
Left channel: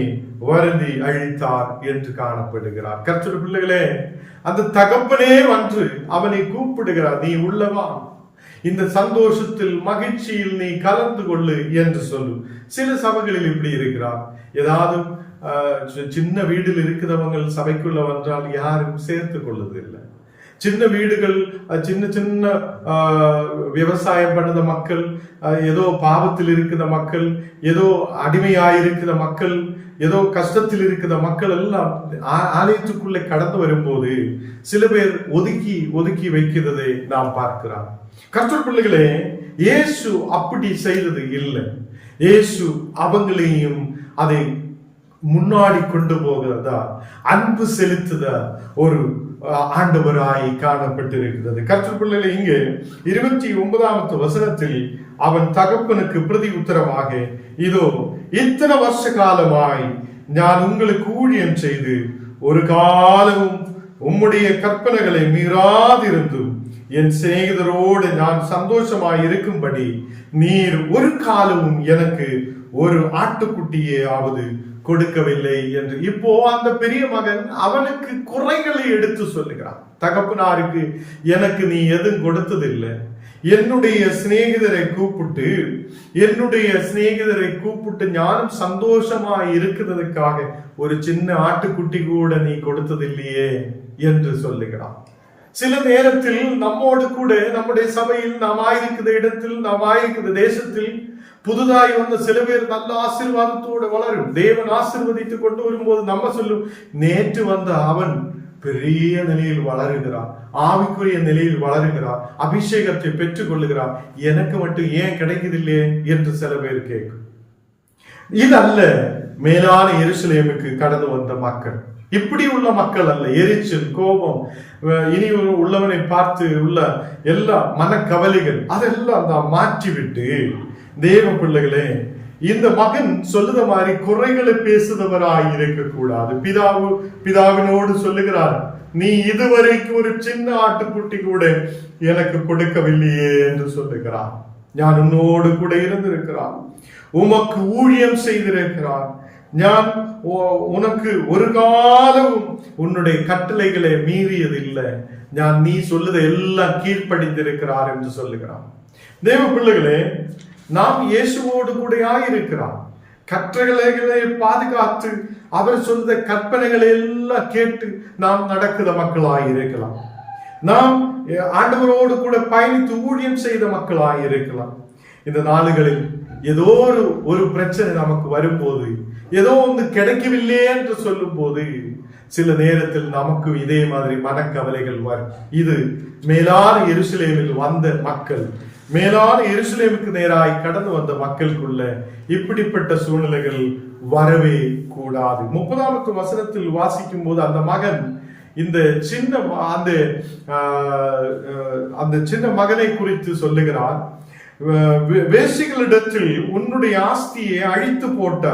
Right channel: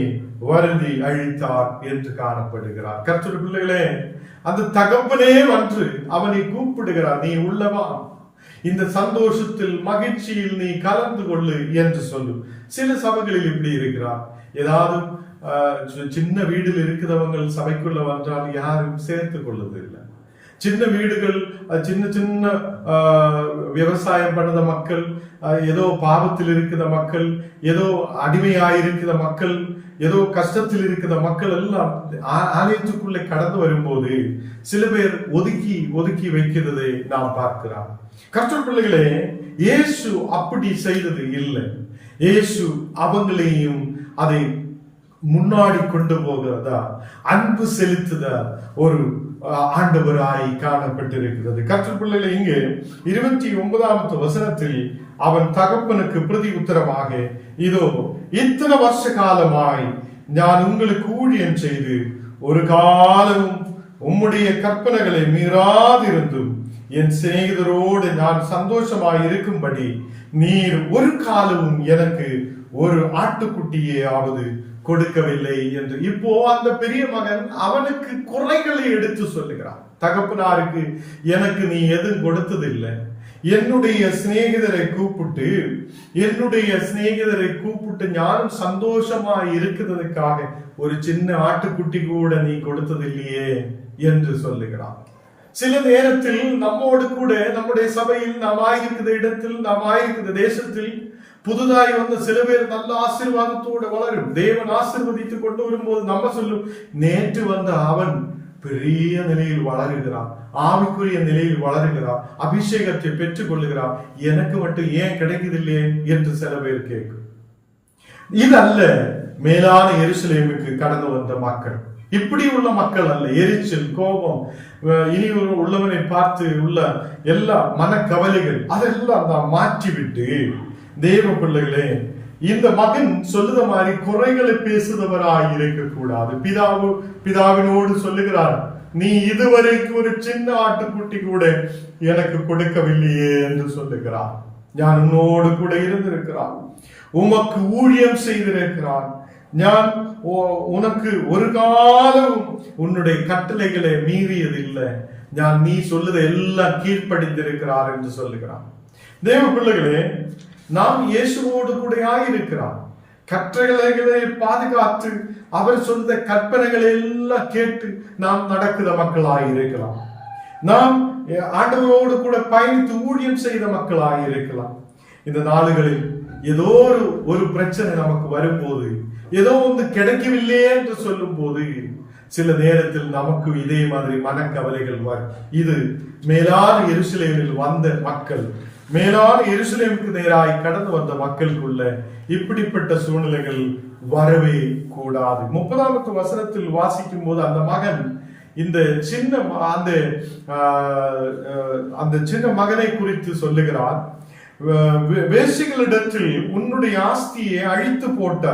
வருந்தி அழித்தார் என்று காணப்படுகிறார். கர்த்தர் பிள்ளைகளே, அந்த தகப்பனே வந்து அவனை கூப்பிடுகிறார், நீ உள்ளவா, இந்த சந்தோஷத்தில் மகிழ்ச்சியில் நீ கலந்து கொள்ளு என்று சொல்லும். சில சபைகளில் இப்படி இருக்கிறார். ஏதாவது சின்ன வீடில் இருக்கிறவங்க சபைக்குள்ள வந்தால் யாரும் சேர்த்து கொள்வதில்லை. சின்ன வீடுகள், சின்ன சின்ன விவசாயம் பண்ணுற மக்கள், ஏதோ பாவத்தில் இருக்கிற மக்கள், ஏதோ அடிமையாயிருக்கிற மக்கள், ஏதோ கஷ்டத்தில் இருக்கிற மக்கள் எல்லாம் ஆலயத்துக்குள்ளே கடந்து வரும்போது சில பேர் ஒதுக்கி ஒதுக்கி வைக்கிறதை நாம் பார்க்கிறோம். கர்த்தர் பிள்ளைகளே, இயேசு அப்படி செய்தது இல்லை. இயேசு அவங்களையும் அதை முன்னாடி கொண்டு போகிறதா, அன்பு செலுத்துத ஒரு ஆண்டவராய் காணப்பட்டிருக்கிறது. கர்த்தர் பிள்ளைகளை இங்கே 29வது வசனத்தில் அவன் தகப்பனுக்கு பிரதி உத்தரமாக, இதோ இத்தனை வருஷ காலமாய் நான் உங்களுக்கு ஊழியம் செய்து ஒரு காலமும் உம்முடைய கற்பனைகளை மீறாதிருந்தும் என் சிநேகிதரோடு நான் சந்தோஷமாய் இருக்கும்படி நீர் ஒரு காலமும் எனக்கு ஒரு ஆட்டுக்குட்டியாவது கொடுக்கவில்லை என்று. இப்போ அந்த பெரிய மகன் அவனுக்கு குறைகளை எடுத்து சொல்லுகிறான். தகப்பனாருக்கு எனக்கு நீ எதுவும் கொடுத்ததில்லை, என்னுடைய சிநேகிதரை கூப்பிட்டு ஞானம் சந்தோஷமா இருக்கிறதுக்காக ஒரு சின்ன ஆட்டுக்குட்டி கூட நீ கொடுத்ததில்லையே என்று சொல்லுகிறான். சில நேரத்தில் நம்மோடு கூட நம்முடைய சபையில் நாம் ஆயிருக்கிற இடத்தில், நாம் ஆயிருக்கிற தேசத்தில் புதுதாய் வந்த சில பேர் நல்ல ஆசீர்வாதத்தோடு வளரும். தேவன் ஆசீர்வதித்து கொண்டு வரும்போது நம்ம சொல்லும், நேற்று வந்த அவன் பெரிய நிலையில் வளருகிறான், ஆவிக்குரிய நிலையில் வளருகிறான், அபிஷேகத்தை பெற்றுக் கொள்ளுகிறான், எனக்கு மட்டும் ஏன் கிடைக்குதில்லையே என்று சில பேர் கேட்கும். இதல்ல மேலான எருசலேமுக்கு கடந்து வந்த மக்கள். இப்படி உள்ள மக்கள் அல்ல. எரிச்சல், கோபம், இனி உள்ளவனை பார்த்து உள்ள எல்லா மனக்கவலைகள் அதெல்லாம் தான் மாற்றிவிட்டு, தேவ பிள்ளைகளே, இந்த மகன் சொல்லுத மாதிரி குறைகளை பேசுதவராய் இருக்க கூடாது. பிதாவினோடு சொல்லுகிறார், நீ இதுவரைக்கும் ஒரு சின்ன ஆட்டுக்குட்டி கூட எனக்கு கொடுக்கவில்லையே என்று சொல்லுகிறான். நான் உன்னோடு கூட இருந்திருக்கிறான், உமக்கு ஊழியம் செய்திருக்கிறான், நான் உனக்கு ஒரு காலம் உன்னுடைய கட்டளைகளை மீறியதில்லை, நான் நீ சொல்லுதை எல்லாம் கீழ்ப்படிந்திருக்கிறார் என்று சொல்லுகிறான். தேவ பிள்ளைகளே, நாம் இயேசுவோடு கூட ஆயிருக்கிறான். கட்டளைகளை பாதுகாத்து அவர் சொல்ற கற்பனைகளை எல்லாம் கேட்டு நாம் நடக்கிற மக்களாயிருக்கலாம். நாம் ஆண்டவரோடு கூட பயணித்து ஊழியம் செய்த மக்களாயிருக்கலாம். இந்த நாளுகளில் ஏதோ ஒரு பிரச்சனை நமக்கு வரும்போது, ஏதோ ஒன்று கிடைக்கவில்லை என்று சொல்லும் போது, சில நேரத்தில் நமக்கு இதே மாதிரி மனக்கவலைகள் வரும். இது மேலான எருசலேமில் வந்த மக்கள், மேலான எருசலேமுக்கு நேராய் கடந்து வந்த மக்களுக்குள்ள இப்படிப்பட்ட சூழ்நிலைகள் வரவே கூடாது. 30வது வசனத்தில் வாசிக்கும் போது அந்த மகன் இந்த சின்ன மகனை குறித்து சொல்லுகிறார். வேசிகளிடத்தில் உன்னுடைய ஆஸ்தியை அழித்து போட்ட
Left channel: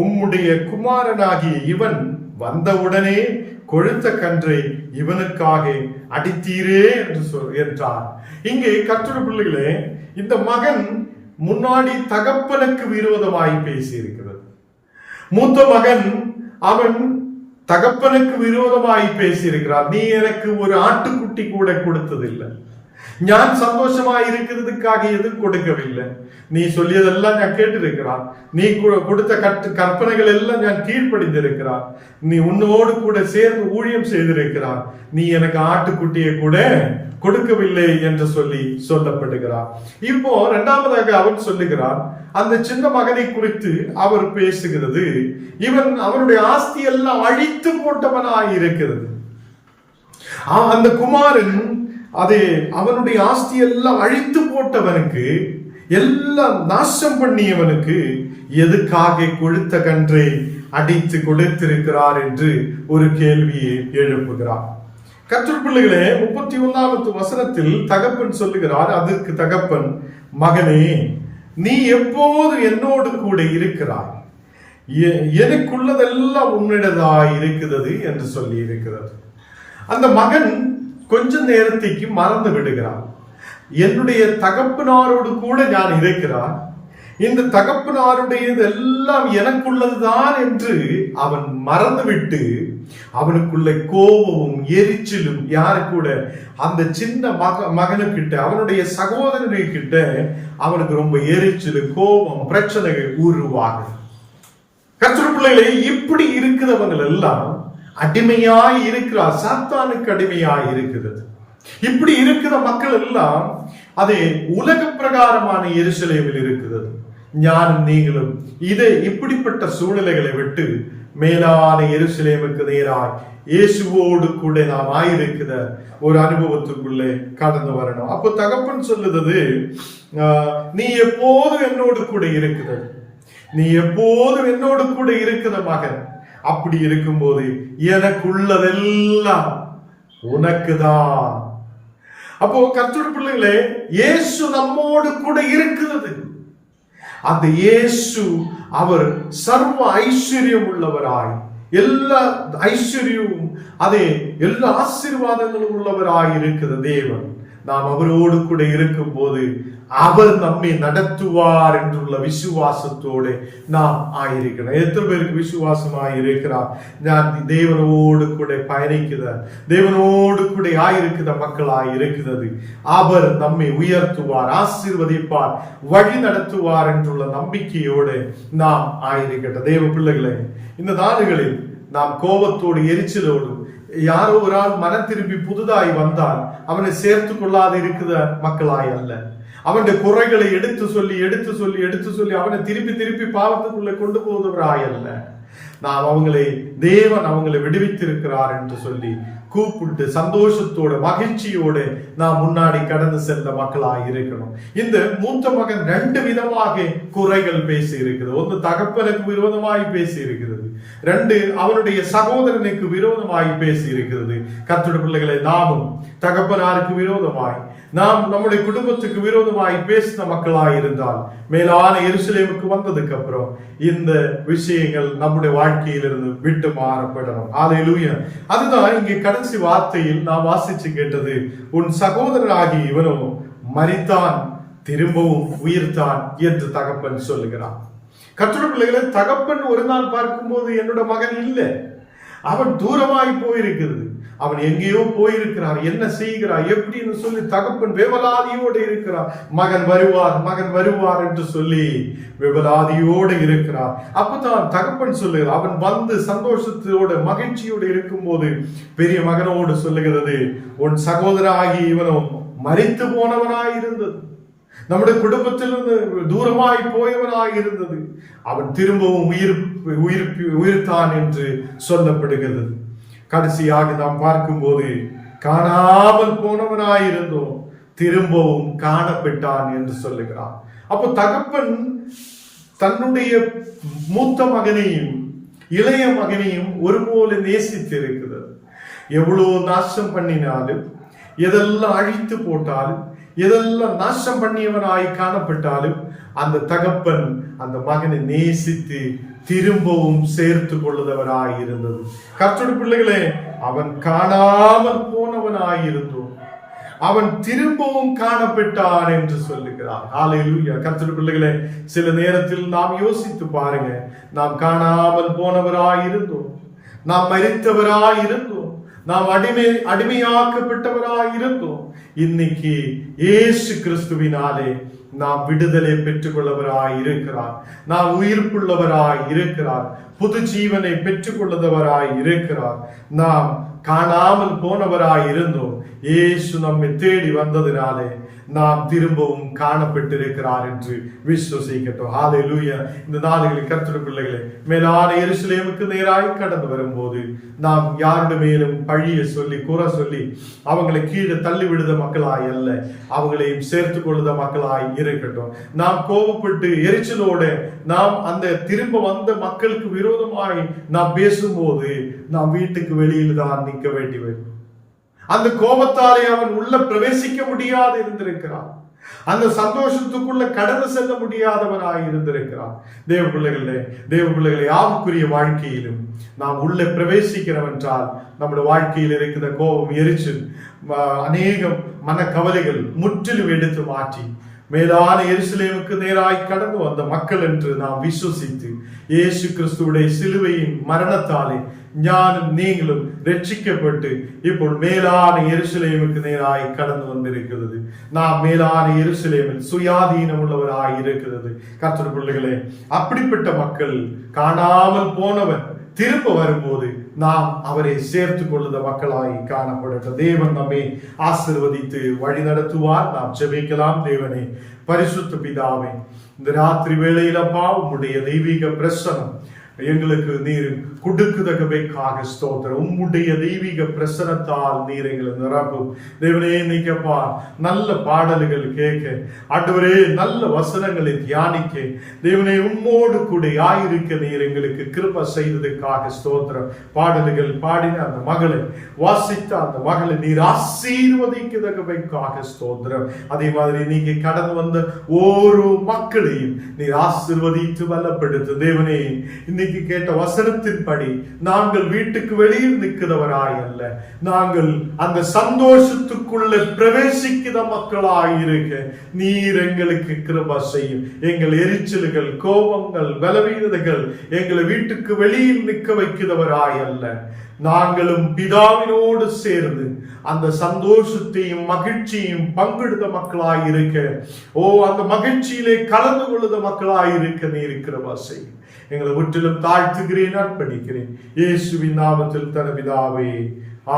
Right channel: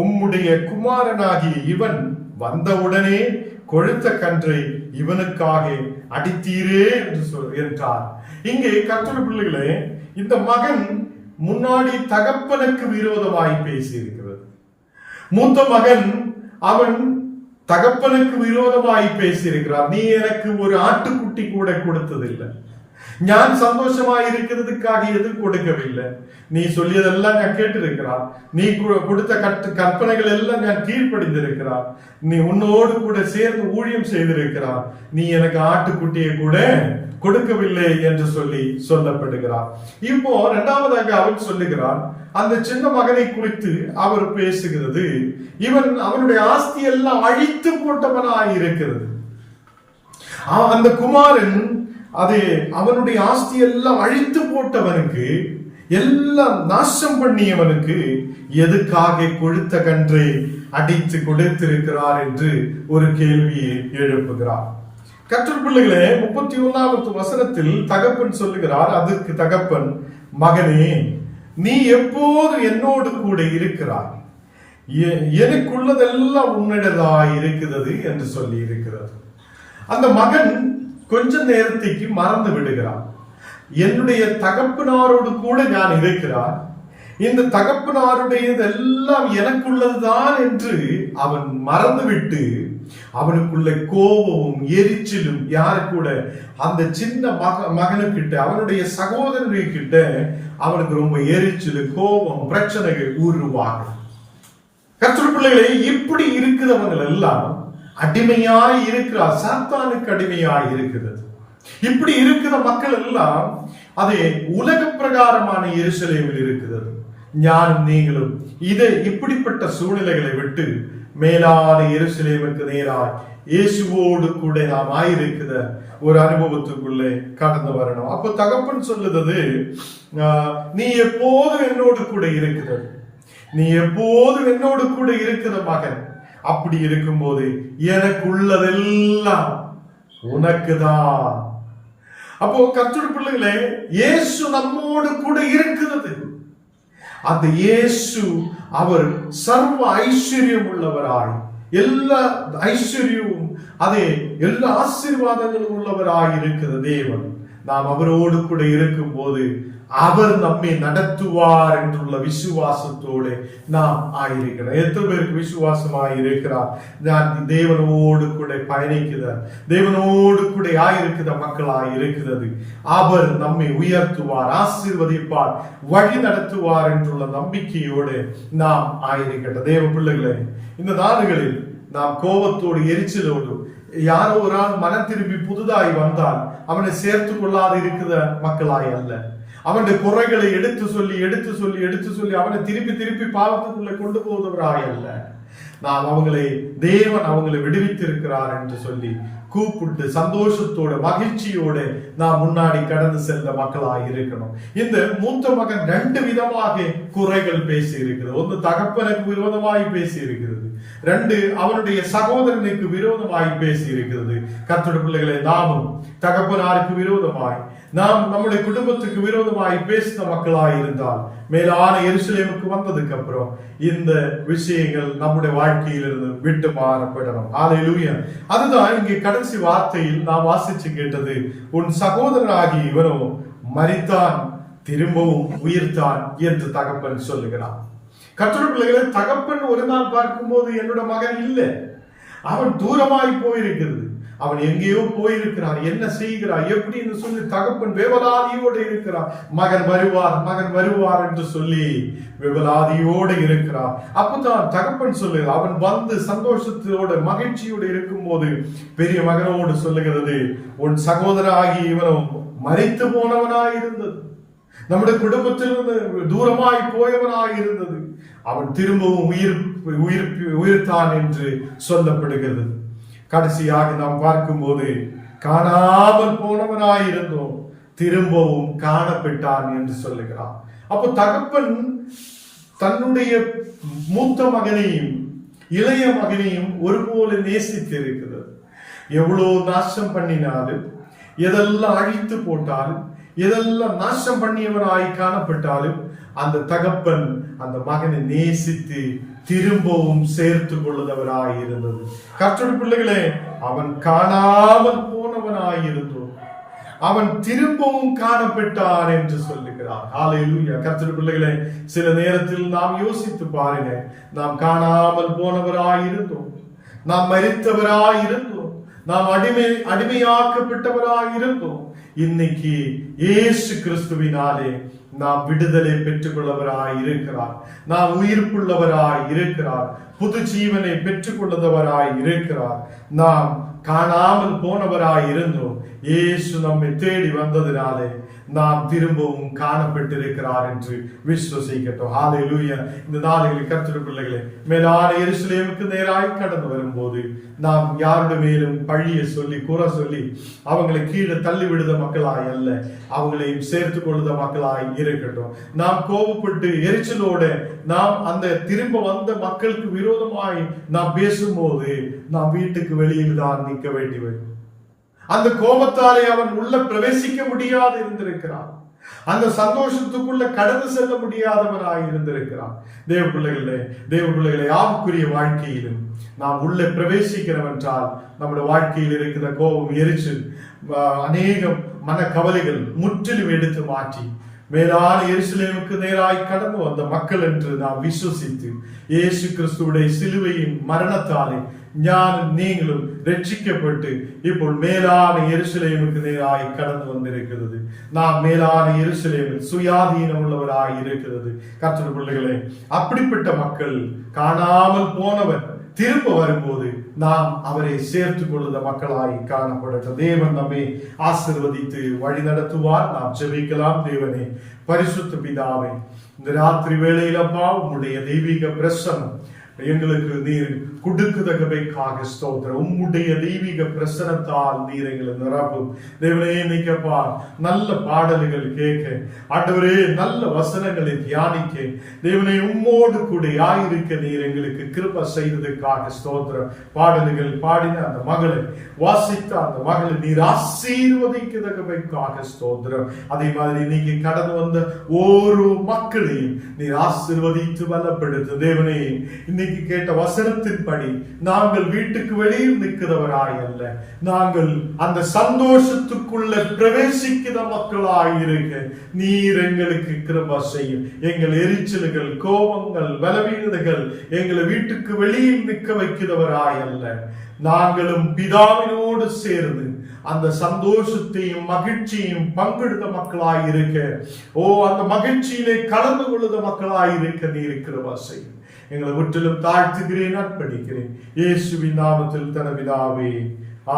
உம்முடைய குமாரனாகிய இவன் வந்தவுடனே கொழுத்த கன்றை இவனுக்காக அடித்தீரே என்றார். இங்கே கர்த்தருடைய பிள்ளைகளே, இந்த மகன் முன்னாடி தகப்பனுக்கு விரோதமாய் பேசி இருக்கிறது. மூத்த மகன் அவன் தகப்பனுக்கு விரோதமாய் பேசி இருக்கிறார். நீ எனக்கு ஒரு ஆட்டுக்குட்டி கூட கொடுத்ததில்லை, நான் சந்தோஷமா இருக்கிறதுக்காக எதுவும் கொடுக்கவில்லை, நீ சொல்லியதெல்லாம் நான் கேட்டிருக்கிறான், நீ கொடுத்த கற்பனைகள் எல்லாம் நான் கீழ்ப்படிந்திருக்கிறான், நீ உன்னோடு கூட சேர்ந்து ஊழியம் செய்திருக்கிறான், நீ எனக்கு ஆட்டுக்குட்டியை கூட கொடுக்கவில்லை என்று சொல்லப்படுகிறார். இப்போ இரண்டாவதாக அவர் சொல்லுகிறார், அந்த சின்ன மகனை குறித்து அவர் பேசுகிறது, இவன் அவனுடைய ஆஸ்தி எல்லாம் அழித்து போட்டவனாய் இருக்கிறது. அந்த குமாரன் அதே அவனுடைய ஆஸ்தி எல்லாம் அழித்து போட்டவனுக்கு, எல்லாம் நாசம் பண்ணியவனுக்கு எதுக்காக கொழுத்த கன்றை அடித்து கொடுத்திருக்கிறார் என்று ஒரு கேள்வியை எழுப்புகிறார். கர்த்தர் பிள்ளைகளே, 31வது வசனத்தில் தகப்பன் சொல்லுகிறார், அதற்கு தகப்பன், மகனே, நீ எப்போது என்னோடு கூட இருக்கிறாய், எனக்குள்ளதெல்லாம் உன்னிடதாய் இருக்கிறது என்று சொல்லி இருக்கிறது. அந்த மகன் கொஞ்ச நேரத்துக்கு மறந்து விடுகிறான். என்னுடைய தகப்பனாரோடு கூட நான் இருக்கிறான், இந்த தகப்பனாருடையதெல்லாம் எனக்குள்ளதுதான் என்று அவன் மறந்துவிட்டு, அவனுக்குள்ள கோபமும் எரிச்சலும் யாரு கூட, அந்த சின்ன மகனுக்கிட்ட, அவனுடைய சகோதரனுக்கிட்ட அவனுக்கு ரொம்ப எரிச்சல், கோபம், பிரச்சனைகள் உருவாகும். கர்த்தருடைய பிள்ளைகளே, இப்படி இருக்கிறவங்க எல்லாம் அடிமையாய் இருக்கிறார், சாத்தானுக்கு அடிமையாய் இருக்கிறது. இப்படி இருக்கிற மக்கள் எல்லாம் அதே உலக பிரகாரமான எருசலேமில் இருக்கிறது. ஞானம் நீங்களும் இப்படிப்பட்ட சூழ்நிலைகளை விட்டு மேலான எருசலேமுக்கு நேராய் இயேசுவோடு கூட நாம் ஆயிருக்கிற ஒரு அனுபவத்துக்குள்ளே கடந்து வரணும். அப்போ தகப்பன் சொல்லுறது, நீ எப்போதும் என்னோடு கூட இருக்கிறது, நீ எப்போதும் என்னோடு கூட இருக்கிற மகன். அப்படி இருக்கும்போது எனக்குள்ளதெல்லாம் உனக்குதான். அப்போ கர்த்தருடைய பிள்ளைகளே, இயேசு நம்மோடு கூட இருக்கிறது. அந்த இயேசு அவர் சர்வ ஐஸ்வர்யம் உள்ளவராய், எல்லா ஐஸ்வர்யமும் அதே எல்லா ஆசீர்வாதங்களும் உள்ளவராய் இருக்கிற தேவன் நாம் அவரோடு கூட இருக்கும் போது அவர் நம்மை நடத்துவார் என்றுள்ள விசுவாசத்தோடு நாம் ஆயிருக்கிறோம். எத்தனை பேருக்கு விசுவாசமாய் இருக்கிறார்? நான் தேவனோடு கூட பயணிக்கிறார், தேவனோடு கூட ஆயிருக்கிற மக்களாய் இருக்கிறது. அவர் நம்மை உயர்த்துவார், ஆசீர்வதிப்பார், வழி நடத்துவார் என்றுள்ள நம்பிக்கையோடு நாம் ஆயிருக்கிறோம். தேவ பிள்ளைகளே, இந்த நாடுகளில் நாம் கோபத்தோடு எரிச்சலோடு யாரோ ஒரு ஆள் மனம் திரும்பி புதுதாய் வந்தால் அவனை சேர்த்து கொள்ளாது இருக்கிற மக்களாய் அல்ல, அவனுடைய குறைகளை எடுத்து சொல்லி அவனை திருப்பி பாவத்துக்குள்ளே கொண்டு போவதவராய் அல்ல, நாம் தேவன் அவங்களை விடுவித்திருக்கிறார் என்று சொல்லி கூப்பிட்டு சந்தோஷத்தோட மகிழ்ச்சியோட நாம் முன்னாடி கடந்து சென்ற மக்களாய் இருக்கணும். இந்த மூத்த மகன் 2 விதமாக குறைகள் பேசி இருக்கிறது. ஒன்று தகப்பனுக்கு விரோதமாய் பேசி இருக்கிறது, 2 அவனுடைய சகோதரனுக்கு விரோதமாய் பேசி இருக்கிறது. கர்த்தருடைய பிள்ளைகளை, நாமும் தகப்பனாருக்கு விரோதமாய், நாம் நம்முடைய குடும்பத்துக்கு விரோதமாய் பேசின மக்களாய் இருந்தால் மேலான எருசலேமுக்கு வந்ததுக்கு அப்புறம் இந்த விஷயங்கள் நம்முடைய வாழ்க்கையிலிருந்து விட்டு மாறப்படணும். ஹல்லேலூயா. அதுதான் இங்கே கடைசி வார்த்தையில் நாம் வாசிச்சு கேட்டது, உன் சகோதரனாகி இவனோ மரித்தான், திரும்பவும் உயிர்த்தான் என்று தகப்பன் சொல்லுகிறான். கர்த்தருடைய பிள்ளைகளை, தகப்பன் ஒரு நாள் பார்க்கும்போது என்னோட மகன் இல்லை, அவன் தூரமாய் போயிருக்கிறது, அவன் எங்கேயோ போயிருக்கிறார், என்ன செய்கிறார் எப்படின்னு சொல்லி தகப்பன் வேவலாதியோடு இருக்கிறார். மகன் வருவார் என்று சொல்லி வேவலாதியோடு இருக்கிறார். அப்பதான் தகப்பன் சொல்லுகிறார், அவன் வந்து சந்தோஷத்தோடு மகிழ்ச்சியோடு இருக்கும் போது பெரிய மகனோடு சொல்லுகிறது, உன் சகோதரனாகி இவனும் மரித்து போனவனாய் இருந்தது, நம்முடைய குடும்பத்திலிருந்து தூரமாய் போயவனாய் இருந்தது, அவன் திரும்பவும் உயிர்த்தான் என்று சொல்லப்படுகிறது. கடைசியாக நாம் பார்க்கும்போது காணாமல் போனவனாயிருந்தோம், திரும்பவும் காணப்பட்டான் என்று சொல்லுகிறான். அப்போ தகப்பன் தன்னுடைய மூத்த மகனையும் இளைய மகனையும் ஒருபோல நேசித்திருக்கிறது. எவ்வளவு நாசம் பண்ணினாலும், எதெல்லாம் அழித்து போட்டாலும், எதெல்லாம் நாசம் பண்ணியவனாய் காணப்பட்டாலும் அந்த தகப்பன் அந்த மகனை நேசித்து திரும்பவும் சேர்த்து கொள்ளுதவராய் இருந்தது. கர்த்தருடைய பிள்ளைகளே, அவன் காணாமல் போனவனாய் இருந்தோம், அவன் திரும்பவும் காணப்பட்டான் என்று சொல்லுகிறார். ஹல்லேலூயா. கர்த்தருடைய பிள்ளைகளே, சில நேரத்தில் நாம் யோசித்து பாருங்க, நாம் காணாமல் போனவராய் இருந்தோம், நாம் மரித்தவராய் இருந்தோம், நாம் அடிமையாக்கப்பட்டவராய் இருந்தோம். இன்னைக்கு இயேசு கிறிஸ்துவினாலே நாம் விடுதலை பெற்றுக் கொள்ளவராய் இருக்கிறார், நாம் உயிர்ப்புள்ளவராய் இருக்கிறார், புது ஜீவனை பெற்றுக் கொள்ளுதவராய் இருக்கிறார். நாம் காணாமல் போனவராய் இருந்தோம், இயேசு நம்மை தேடி வந்ததினாலே நாம் திரும்பவும் காணப்பட்டிருக்கிறார் என்று விசுவசிக்கட்டும். ஹல்லேலூயா. இந்த நாளில் கர்த்தருடைய பிள்ளைகளே, மேலான எருசலேமுக்கு நேராய் கடந்து வரும்போது நாம் யாருடைய மேலும் பழிய சொல்லி குறை சொல்லி அவங்களை கீழே தள்ளி விடுத மக்களாய் அல்ல, அவங்களையும் சேர்த்து கொள்ளுத மக்களாய் இருக்கட்டும். நாம் கோபப்பட்டு எரிச்சலோட நாம் அந்த திரும்ப வந்த மக்களுக்கு விரோதமாய் நாம் பேசும்போது நாம் வீட்டுக்கு வெளியில் தான் நிற்க வேண்டி வரும். அந்த கோபத்தாலே அவன் உள்ள பிரவேசிக்க முடியாது இருந்திருக்கிறான், அந்த சந்தோஷத்துக்குள்ள கடந்து செல்ல முடியாதவனாய் இருந்திருக்கிறான். தேவ பிள்ளைகளே, ஆவுக்குரிய வாழ்க்கையிலும் நாம் உள்ளே பிரவேசிக்கிறோம் என்றால் நம்முடைய வாழ்க்கையில் இருக்கிற கோபம், எரிச்சல், அநேகம் மனக்கவலைகள் முற்றிலும் எடுத்து மாற்றி மேலான எருசலேமுக்கு நேராய் கடந்து வந்த மக்கள் என்று நாம் விசுவசித்து இயேசு கிறிஸ்துவுடைய சிலுவையின் மரணத்தாலே ஞானும் நீங்களும் ரட்சிக்கப்பட்டு இப்போ மேலான எருசலேமுக்கு நேராய் கடந்து வந்திருக்கிறது. நாம் மேலான எருசலேமில் சுயாதீனம் உள்ளவராய் இருக்கிறது. கர்த்தருடைய பிள்ளைகளே, அப்படிப்பட்ட மக்கள் காணாமல் போனவன் திரும்ப வரும்போது நாம் அவரை சேர்த்து கொள்ளுத மக்களாய் காணப்படட்டும். தேவன் நம்மை ஆசீர்வதித்து வழி நடத்துவார். நாம் ஜெபிக்கலாம். தேவனே, பரிசுத்த பிதாவே, இந்த ராத்திரி வேளையிலப்பா உம்முடைய தெய்வீக பிரசனம் எங்களுக்கு நீர் கொடுக்குதகவைக்காக ஸ்தோத்திரம். உம்முடைய தெய்வீக பிரசனத்தால் நீர் எங்களை நிரப்பும் தேவனே. இன்னைக்கப்பா நல்ல பாடல்கள் கேட்க, ஆண்டவரே நல்ல வசனங்களை தியானிக்க தேவனே உம்மோடு கூட ஆயிருக்க நீர் எங்களுக்கு கிருபை செய்ததுக்காக ஸ்தோத்திரம். பாடல்கள் பாடின அந்த மகளை வாசித்த அந்த மகளை நீர் ஆசீர்வதிக்கதகவைக்காக ஸ்தோத்திரம். அதே மாதிரி நீங்க கடந்து வந்த ஒரு மக்களையும் நீர் ஆசீர்வதித்து பலப்படுத்து தேவனே. இன்னைக்கு கேட்ட வசனத்தின்படி நாங்கள் வீட்டுக்கு வெளியில் நிற்கிறவராய் அல்ல, நாங்கள் அந்த சந்தோஷத்துக்குள்ள பிரவேசிக்கிற மக்களாயிருக்க நீர் எங்களுக்கு கிருபை செய்யும். எங்கள் எரிச்சல்கள், கோபங்கள், பலவீனங்கள் எங்களை வீட்டுக்கு வெளியில் நிற்க வைக்கிறவராய் அல்ல, நாங்களும் பிதாவினோடு சேர்ந்து அந்த சந்தோஷத்தையும் மகிழ்ச்சியையும் பங்கெடுத்த மக்களாயிருக்க, அந்த மகிழ்ச்சியிலே கலந்து கொள்ளுத மக்களாயிருக்க நீர் கிருபை செய்யும். எங்களை முற்றிலும் தாழ்த்துகிறேன், அர்ப்பணிக்கிறேன் இயேசுவின் நாமத்தில் தன பிதாவே,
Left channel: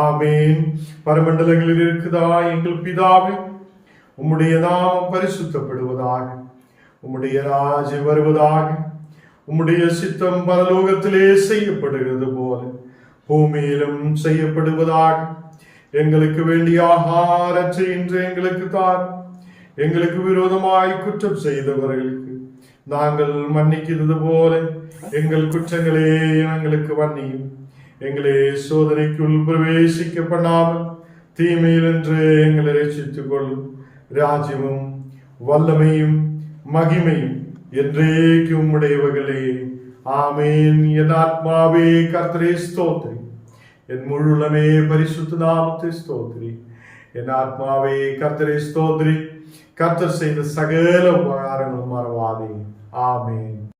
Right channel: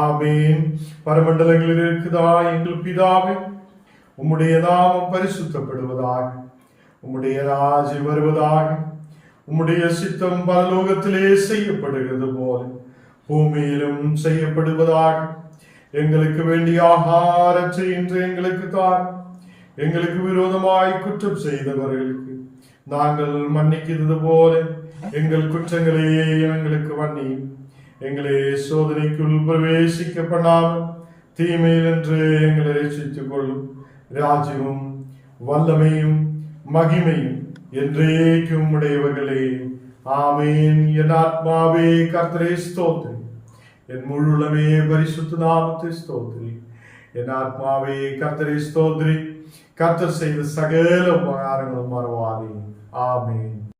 ஆமேன். பரமண்டலங்களில் இருக்குதா எங்கள் பிதாவே, உம்முடைய நாமம் பரிசுத்தப்படுவதாக, உம்முடைய ராஜ்யம் வருவதாக, உம்முடைய சித்தம் பரலோகத்திலே செய்யப்படுகிறது போல பூமியிலும் செய்யப்படுவதாக. எங்களுக்கு வேண்டிய ஆகாரத்தை இன்று எங்களுக்கு தார். எங்களுக்கு விரோதமாய் குற்றம் செய்தவர்களுக்கு நாங்கள் மன்னிக்கிறது போல எங்கள் குற்றங்களே எங்களுக்கு மன்னியும். எங்களை சோதனைக்குள் பிரவேசிக்க பண்ணாமல் தீமையில் என்று எங்களை ரட்சித்துக் கொள்ளும். ராஜ்யமும் வல்லமையும் மகிமையும் என்றேக்கு உம்முடையவர்களே, ஆமேன். என் ஆத்மாவே கர்த்தரை ஸ்தோத்திரி, என் முழுலமே பரிசுத்த நாமத்தை ஸ்தோத்திரி. என் ஆத்மாவே கர்த்தரை ஸ்தோத்திரி, கர்த்தர் செய்த சகல உபகாரங்களும் மறவாதே. ஆமேன்.